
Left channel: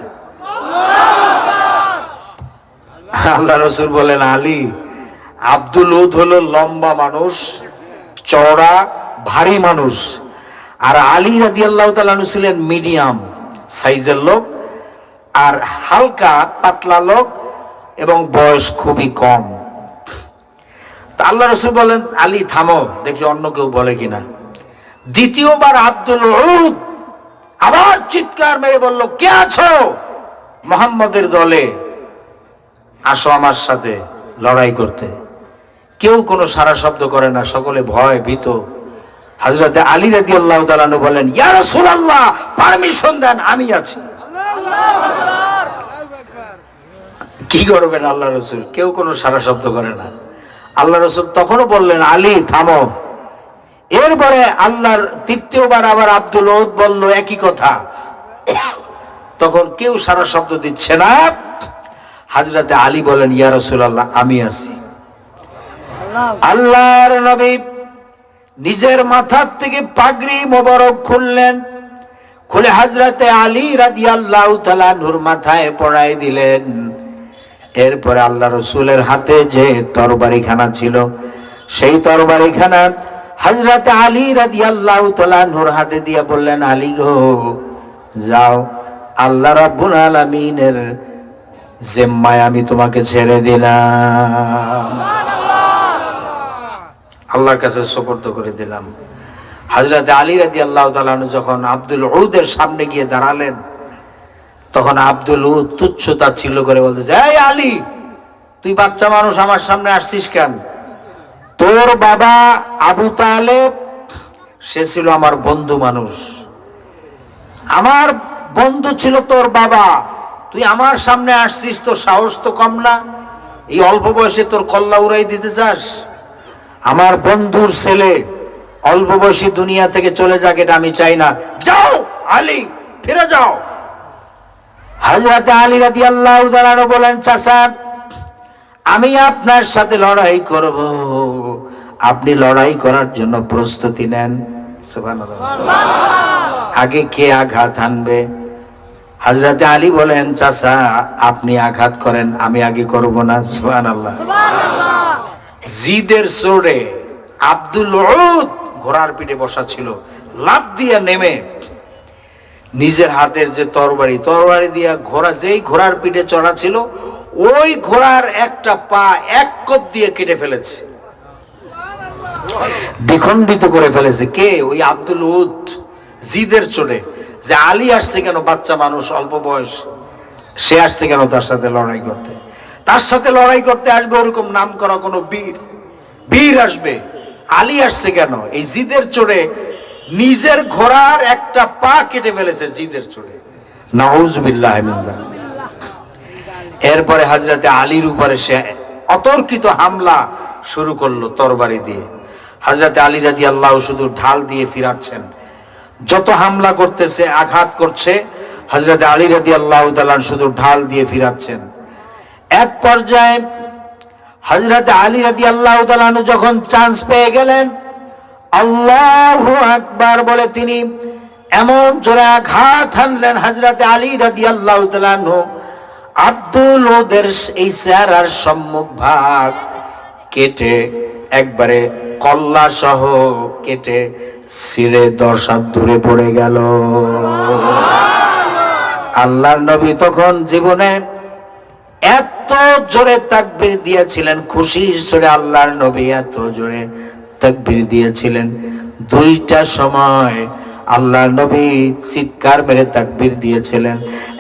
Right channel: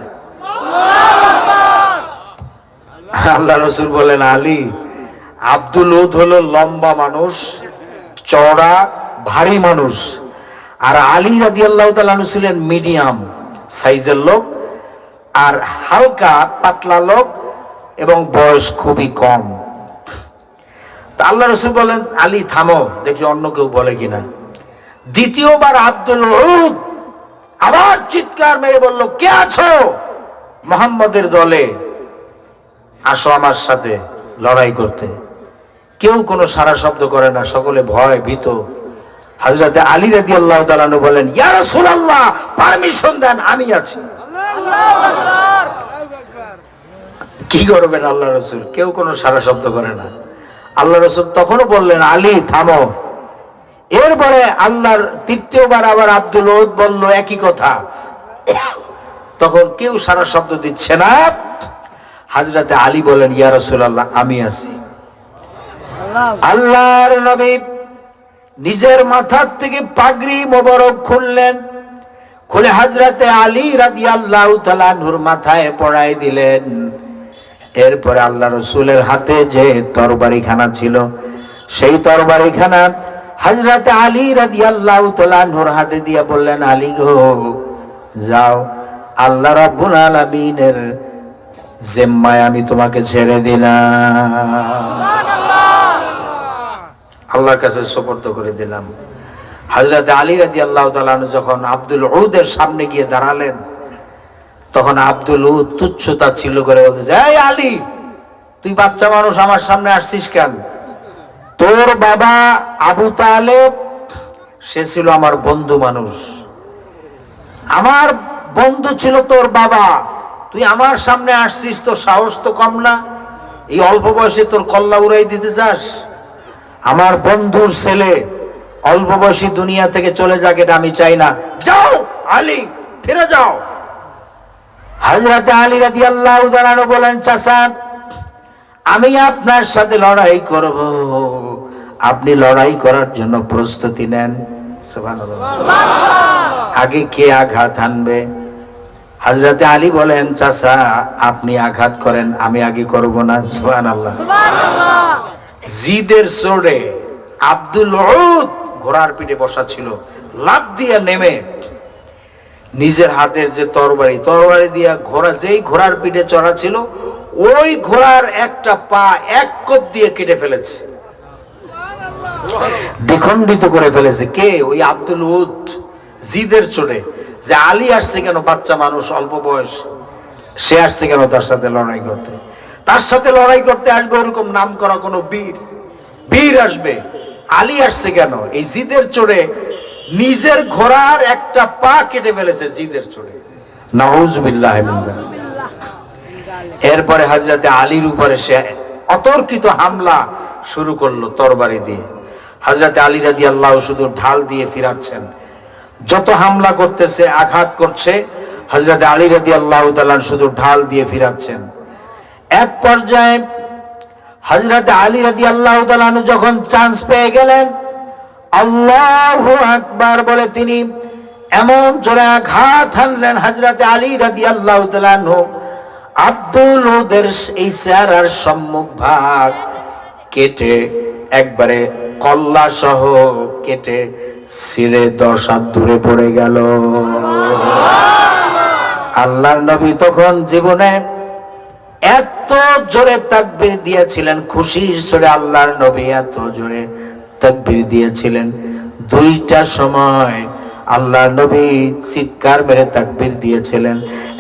আল্লাহ রাসূল বলেন, আলী, আব্দুল উদ হলো লম্বা মানুষ, চওড়া, ভারী মানুষ, আর আলী রাদিয়াল্লাহু তাআলা আনহু ছিলেন মিডিয়াম সাইজের লোক, আর হালকা পাতলা লোক, এবং বয়স খুবই কম। আল্লাহ রাসূল বলেন, আলী থামো, দেখি অন্য কেউ বলে কিনা। দ্বিতীয়বার আব্দুল উদ আবার চিৎকার মেরে বলল, কে আছো মুহাম্মদের দলে? আসো আমার সাথে লড়াই করতে। কেউ কোনো সারা শব্দ করে না, সকলে ভয় ভীত। হযরতে আলী রাদিয়াল্লাহু তাআলা আনহু বলেন, ইয়া রাসূলুল্লাহ, পারমিশন দেন, আমি আছি। আল্লাহু আকবার। কি করবেন আল্লাহ রাসূল? কেউ কোনো সারা শব্দ করে না। আল্লাহ রাসূল তখনও বললেন, আলী থামো। এরপরে আল্লাহর তৃতীয়বার আবার আব্দুল উদ বলল একই কথা। তখন কেউ সারা শব্দ দিচ্ছে না। হযরতে আলী বলেন, ইয়া রাসূলুল্লাহ, আমি আছি। আল্লাহর নবী নিজের মাথার থেকে পাগড়ি মোবারক খুললেন, খুলে হযরতে আলী রাদিয়াল্লাহু তাআলা নূর মাথায় পরাই দিলেন। এরপরে আল্লাহ রাসূলের হাতে যে তরবারিখানা ছিল, সেই তরবারিখানা হযরতে আলী রাদিয়াল্লাহু তাআলা নূর হাতে দিয়ে বললেন, আলী গো, যাও, আল্লাহ রাব্বুল আলামিনের জিম্মায় আমি তোমাকে ছেড়ে দিলাম, আল্লাহর কাছে সুপর্দ করে দিলাম। হযরতে আলী রাদিয়াল্লাহু তাআলা যখন আব্দুল উদের সামনে গিয়ে দাঁড়ালেন, তখন আব্দুল উদ তুচ্ছতাচ্ছিল্য করে বলতেছে, এই আলী, তুই বাচ্চা মানুষ আমার সামনে আসছিস কেন? তোর বাবা আবু তালেব, সে ছিল আমার বন্ধু মানুষ, আমার বন্ধু ছিল তোর বাবা, তুই আমার সামনে আসছিস, তোর সাহস তো কম না? এই অল্প বয়সে তোর কল্লা উড়াই দিতে চাস? আমার বন্ধুর ছেলে অল্প বয়সী দুনিয়া থেকে চলে যাক, এটা আমি চাই না। যাও আলী, ফিরে যাও। হযরতে আলী রাদিয়াল্লাহু তাআলা বলেন, চাচা, আমি আপনার সাথে লড়াই করব, আপনি লড়াই করার জন্য প্রস্তুতি নেন। সুবহানাল্লাহ। আগে কে আঘাত আনবে? হযরতে আলী বলেন, চাচা, আপনি আঘাত করেন, আমি আগে করব না। সুবহানাল্লাহ। জিদের চোরে আব্দুল উদ ঘোড়ার পিঠে বসা ছিল, লাফ দিয়ে নেমে নিজের হাতের যে তরবারি দিয়া ঘোড়া, যেই ঘোড়ার পিঠে চড়া ছিল, ওই ঘোড়ার একটা পা এক কোপ দিয়ে কেটে ফেলেছে, দ্বিখণ্ডিত করে ফেলেছে। কে? ওই আব্দুল উদ। জিদের চোরে যে আলী আসছে কেন, বাচ্চা মানুষ, অল্প বয়স, সে আসছে কেন তার সাথে লড়াই করতে? তার সাথে লড়াই করতে আসবে ওরকম নাম করা কোন বীর আসবে, আলী আসছে কেন? এই জিদের চোরে নিজের ঘোড়ার একটা পা কেটে ফেলেছে, জিদের চোরে। নাউজুবিল্লাহ মিন যালিক। এরপরে হযরতে আলীর উপরে সে অতর্কিত হামলা শুরু করলো তরবারি দিয়ে। হযরতে আলী রাদিয়াল্লাহু শুধু ঢাল দিয়ে ফিরাচ্ছেন, যত হামলা করতেছে, আঘাত করছে, হযরতে আলী রাদিয়াল্লাহু তাআলা শুধু ঢাল দিয়ে ফিরাচ্ছেন। এক পর্যায়ে হযরতে আলী রাদিয়াল্লাহু তাআলা যখন চান্স পেয়ে গেলেন, আল্লাহু আকবার বলে তিনি এমন জোরে আঘাত হানলেন, হযরতে আলী রাদিয়াল্লাহু তাআলা আব্দুল উদের এই চেহারার সম্মুখ ভাগ কেটে একবারে কল্লা সহ কেটে ছিঁড়ে 10 হাত দূরে পড়ে গেল। আল্লাহর নবী তখন জীবনে এত জোরে তাকবীর দিয়েছিলেন, খুশির সুরে আল্লাহর নবী এত জোরে তাকবীর দিয়েছিলেন, দুইটা সময় আল্লাহর নবী চিৎকার মেরে তাকবীর দিয়েছিলেন।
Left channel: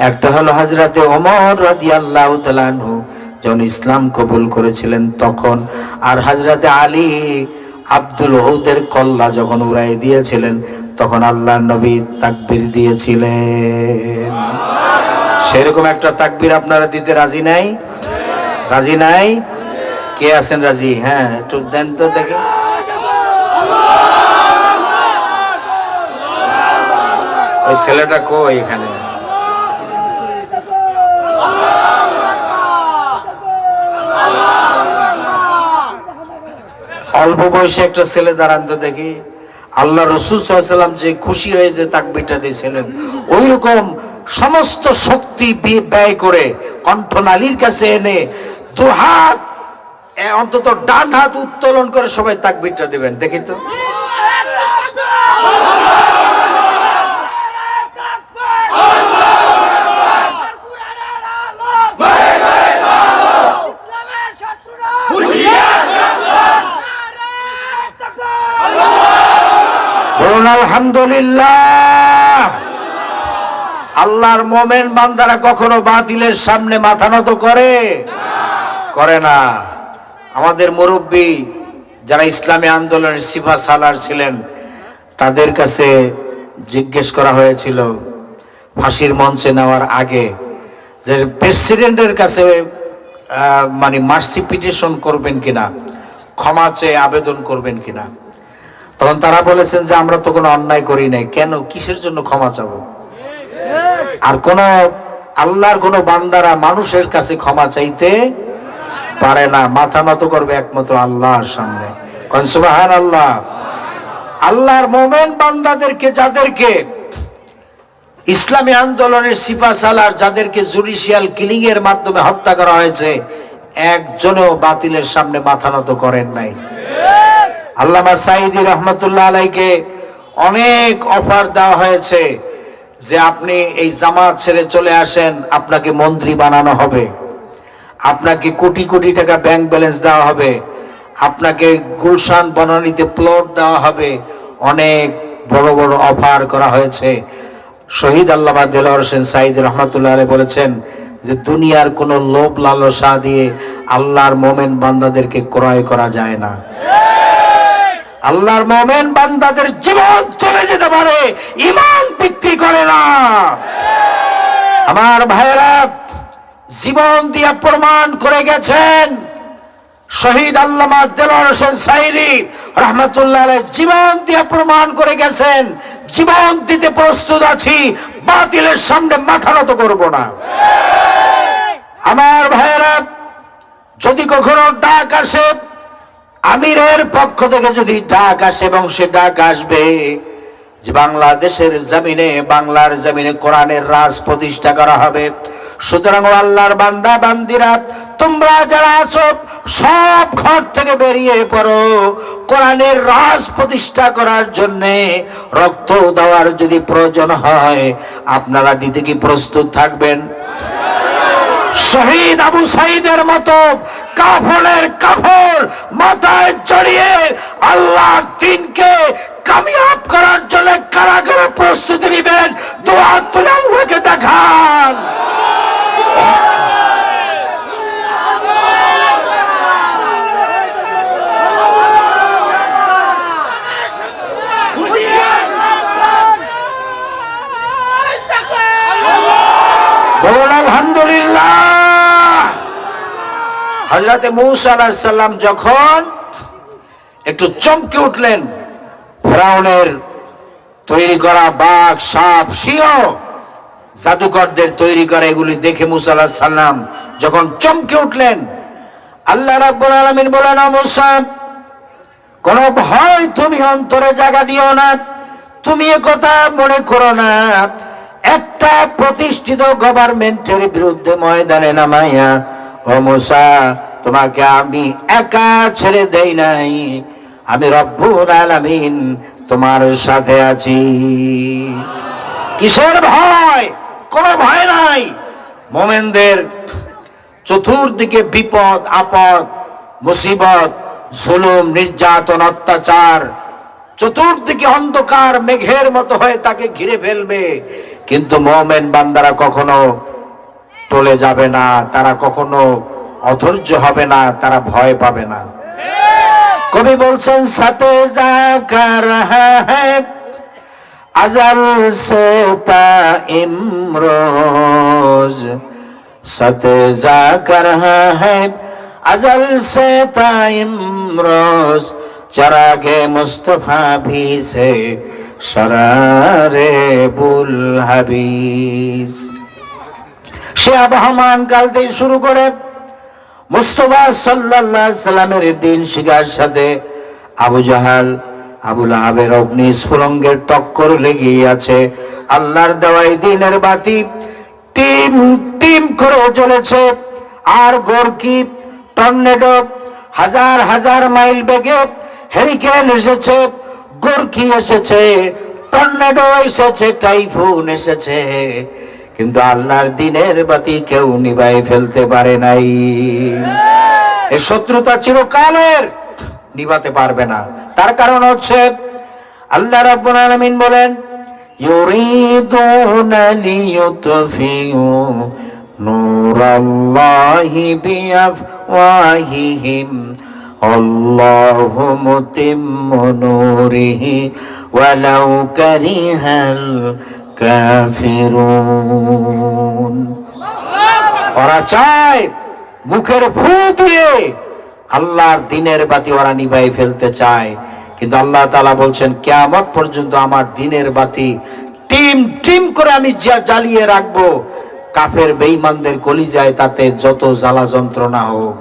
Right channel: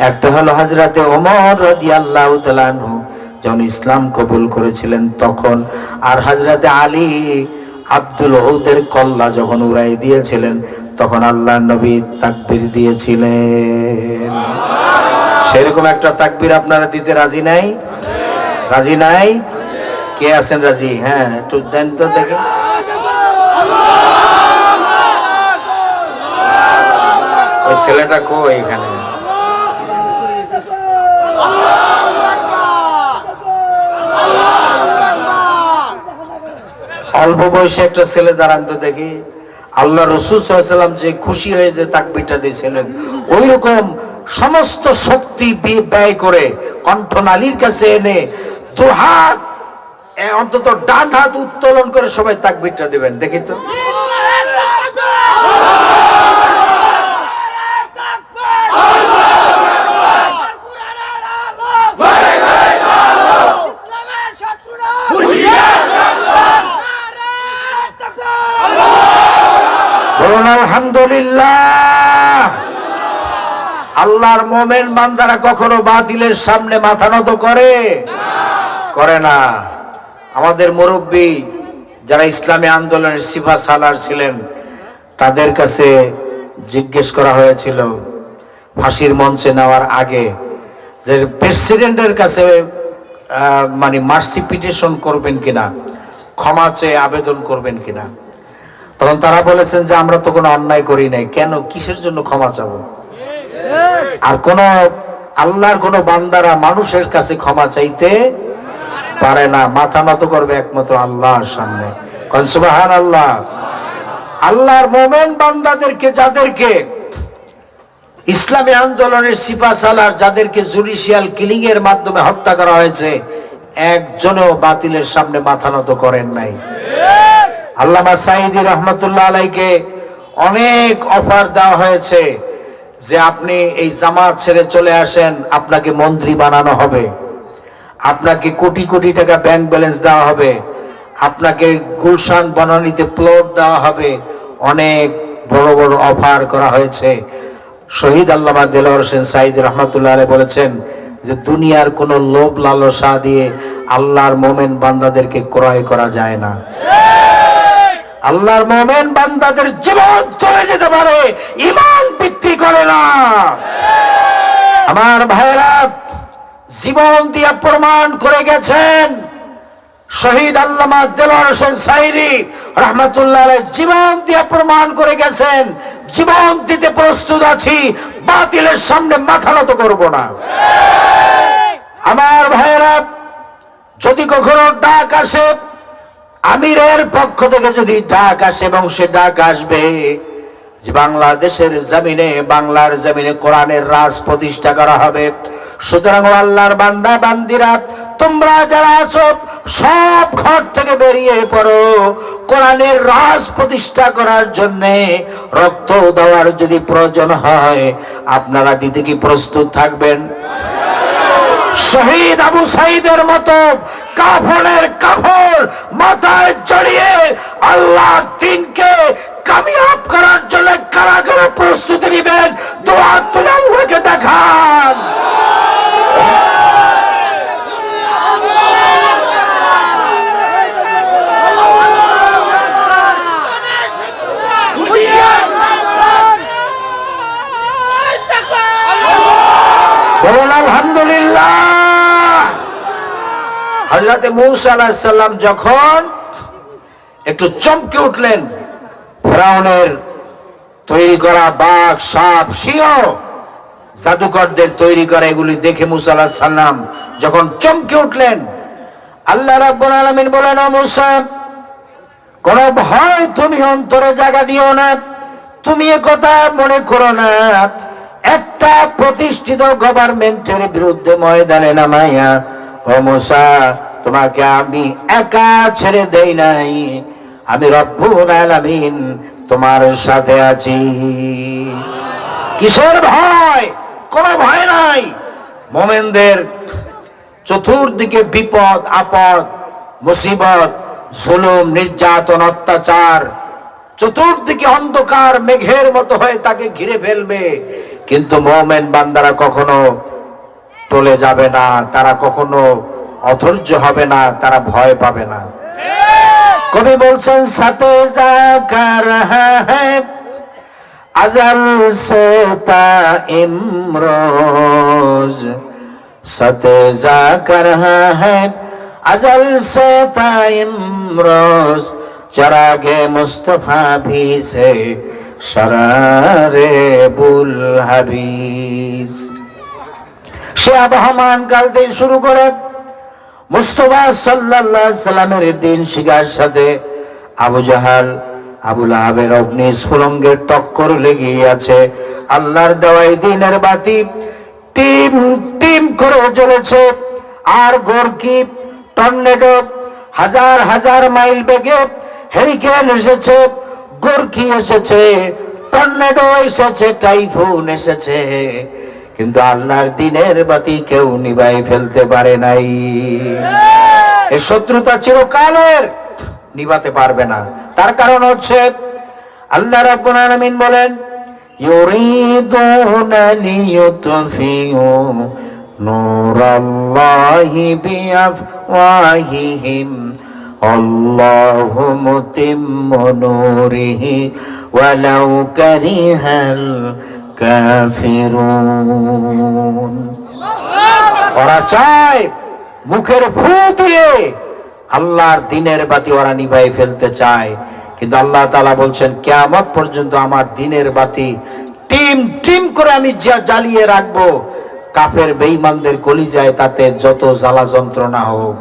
একটা হলো হযরতে ওমর রাদিয়াল্লাহু তাআলা আনহু যখন ইসলাম কবুল করেছিলেন তখন, আর হযরতে আলী আব্দুল উদের কল্লা যখন উড়াই দিয়েছিলেন তখন আল্লাহর নবী তাকবীর দিয়েছিলেন। সেরকম একটা তাকবীর আপনারা দিতে রাজি নাই? রাজি নাই? কে আছেন রাজি? হ্যাঁ, একটু দেন তো দেখে। ওই ছেলেটা কই এখানে? অল্প বয়সে একটা ছেলে দাঁড়ান তো দেখি। আল্লাহ রাসূল সাল্লাল্লাহু আলাইহি ওয়াসাল্লাম যে খুশি হয়ে যে তাকবীরটা দিয়েছিলেন, ওই রকম সমস্ত শক্তি ব্যয় করে কণ্ঠনালীর কাছে এনে দু হাত, অন্তত ডান হাত উত্তোলন করে সবাই তাকবীরটা দিবেন, দেখি তো। আলহামদুলিল্লাহ। আল্লাহর মুমিন বান্দারা কখনো বাতিলের সামনে মাথা নত করে না। আমাদের মুরব্বী যারা ইসলামী আন্দোলনের সিফা সালার ছিলেন, তাদের কাছে জিজ্ঞেস করা হয়েছিল ফাঁসির মঞ্চে নেওয়ার আগে যে প্রেসিডেন্টের কাছে মানে মার্সি পিটিশন করবেন কিনা, ক্ষমা চেয়ে আবেদন করবেন কিনা। তখন তারা বলেছেন যে আমরা তো কোনো অন্যায় করি নাই, কেন কিসের জন্য ক্ষমা চাবো? আর কোন আল্লাহর কোন বান্দারা মানুষের কাছে ক্ষমা চাইতে পারে না, মাথা নত করবে একমাত্র আল্লাহর সামনে। সুবহানাল্লাহ। আল্লাহর মোমেন বান্দাদেরকে, যাদেরকে ইসলামী আন্দোলনের সিফা সালার, যাদেরকে জুডিশিয়াল কিলিং এর মাধ্যমে হত্যা করা হয়েছে, একজনও বাতিলের সামনে মাথা নত করেন নাই। আল্লামা সাঈদী রহমতুল্লাহ আলাইকে অনেক অফার দেওয়া হয়েছে যে আপনি এই জামাত ছেড়ে চলে আসেন, আপনাকে মন্ত্রী বানানো হবে, আপনাকে কোটি কোটি টাকা ব্যাংক ব্যালেন্স দেওয়া হবে, আপনাকে গুলশান বনানীতে প্লট দেওয়া হবে, অনেক বড় বড় অফার করা হয়েছে। শহীদ আল্লামা দেলোয়ার হোসেন সাঈদী রহমতুল্লাহ আলাইহি বলেছেন যে দুনিয়ার কোন লোভ লালসা দিয়ে আল্লাহর মোমেন বান্দাদেরকে ক্রয় করা যায় না। আল্লাহর মোমেন বান্দাদের জীবন চলে যেতে পারে, ঈমান বিক্রি করে না। আমার ভাইরা জীবন দিয়ে প্রমাণ করে গেছেন, শহীদ আল্লামা দেলোয়ার হোসেন সাঈদী রহমতুল্লাহ আলাইহি জীবন দিয়ে প্রমাণ করে গেছেন, জীবন দিতে প্রস্তুত আছি, বাতিলের সামনে মাথা নত করব না। আমার ভাইরা যদি কখনো ডাক আসে, আমিরের পক্ষ থেকে যদি ডাক আসে, এবং সে ডাক আসবে যে বাংলাদেশের জমিনে, বাংলার জমিনে কোরআনের রাজ প্রতিষ্ঠা করা হবে, সুতরাং আল্লাহর বান্দা বান্দিরা তোমরা যারা আছো সব ঘর থেকে বেরিয়ে পড়ো, কোরআনের রাজ প্রতিষ্ঠা করার জন্য রক্ত দেওয়ার যদি প্রয়োজন হয় আপনারা দিতে কি প্রস্তুত থাকবেন? শহীদ আবু সাঈদের মতো কাফনের কাফর মাথায় জড়িয়ে আল্লাহর দ্বীনকে কামিয়াব করার জন্য কারা কারা প্রস্তুতি নেবেন? দোয়া করে আল্লাহকে দেখান। বলুন আলহামদুলিল্লাহ। হযরত মূসা আলাইহিস সালাম যখন একটু চমকে উঠলেন, ফিরাউনের তৈরি করা বাঘ, সাপ, সিংহ, জাদুকরদের তৈরি করা এগুলি দেখে মূসা আলাইহিস সালাম যখন চমকে উঠলেন, আল্লাহ রাব্বুল আলামিন বলেন, ও মূসা, কোন ভয় তুমি অন্তরে জায়গা দিও না, তুমি এ কথা মনে করো না, একটা প্রতিষ্ঠিত গভর্নমেন্টের বিরুদ্ধে ময়দানে নামাইয়া, ও মূসা, তোমাকে আমি একা ছেড়ে দেই নাই, আমি রব্বুল আলামিন তোমার সাথে আছি। কিসের ভয়? কোন ভয় নাই। মোমেনদের চতুর্দিকে বিপদ আপদ, মুসিবত, জুলুম, নির্যাতন, অত্যাচার, চতুর্দিকে অন্ধকার মেঘের মতো হয়ে তাকে ঘিরে ফেলবে, কিন্তু মুমিন বান্দারা কখনো টলে যাবে না, তারা কখনো অধৈর্য হবে না, তারা ভয় পাবে না। কবি বলছেন, সাথে যা কর হ্যাঁ আজল সে তা ইমরোজ, সাথে যা কর হ্যাঁ अजल से ताइमरोज चरागे मुस्तफा भी से शरारे बुल हबीस। সে আবহমান কাল থেকে শুরু করে মুস্তাফা সাল্লাল্লাহু আলাইহি সাল্লামের দিন শিকার সাথে আবু জাহাল, আবু লাহাবের অগ্নি স্ফুলঙ্গের টক্কর লেগে আছে। আল্লাহর দেওয়াই দিনের বাতি টিম টিম করে জ্বলেছে, আর গর্কি, টর্নেডো, হাজার হাজার মাইল বেগে হেরিকেন এসেছে, গর্কি এসেছে, টর্নেডো এসেছে, টাইফুন এসেছে, কিন্তু আল্লাহর দিনের বাতি কেউ নিভাই ফেলতে পারে নাই। এর শত্রুতা চিরকালের, নিভাতে পারবে না। তার কারণ হচ্ছে আল্লাহ রাব্বুল আলামিন বলেন, ইউরিদুনা লিইউতফিউ নূরাল্লাহি বিআফওয়াহিহিম আল্লাহু মুতিম্মু নূরিহি ওয়ালাউ কারিহাল কাফিরুন। ওরা চায় মুখের ফু দিয়ে আল্লাহর দিনের বাতি ওরা নিভাই ফেলতে চায়, কিন্তু আল্লাহ তাআলা বলছেন কিয়ামত পর্যন্ত আমার দিনের বাতি টিম টিম করে আমি জ্বালিয়ে রাখবো। কাফের বেঈমানদের কলিজায় তাতে যত জ্বালা যন্ত্রণা হোক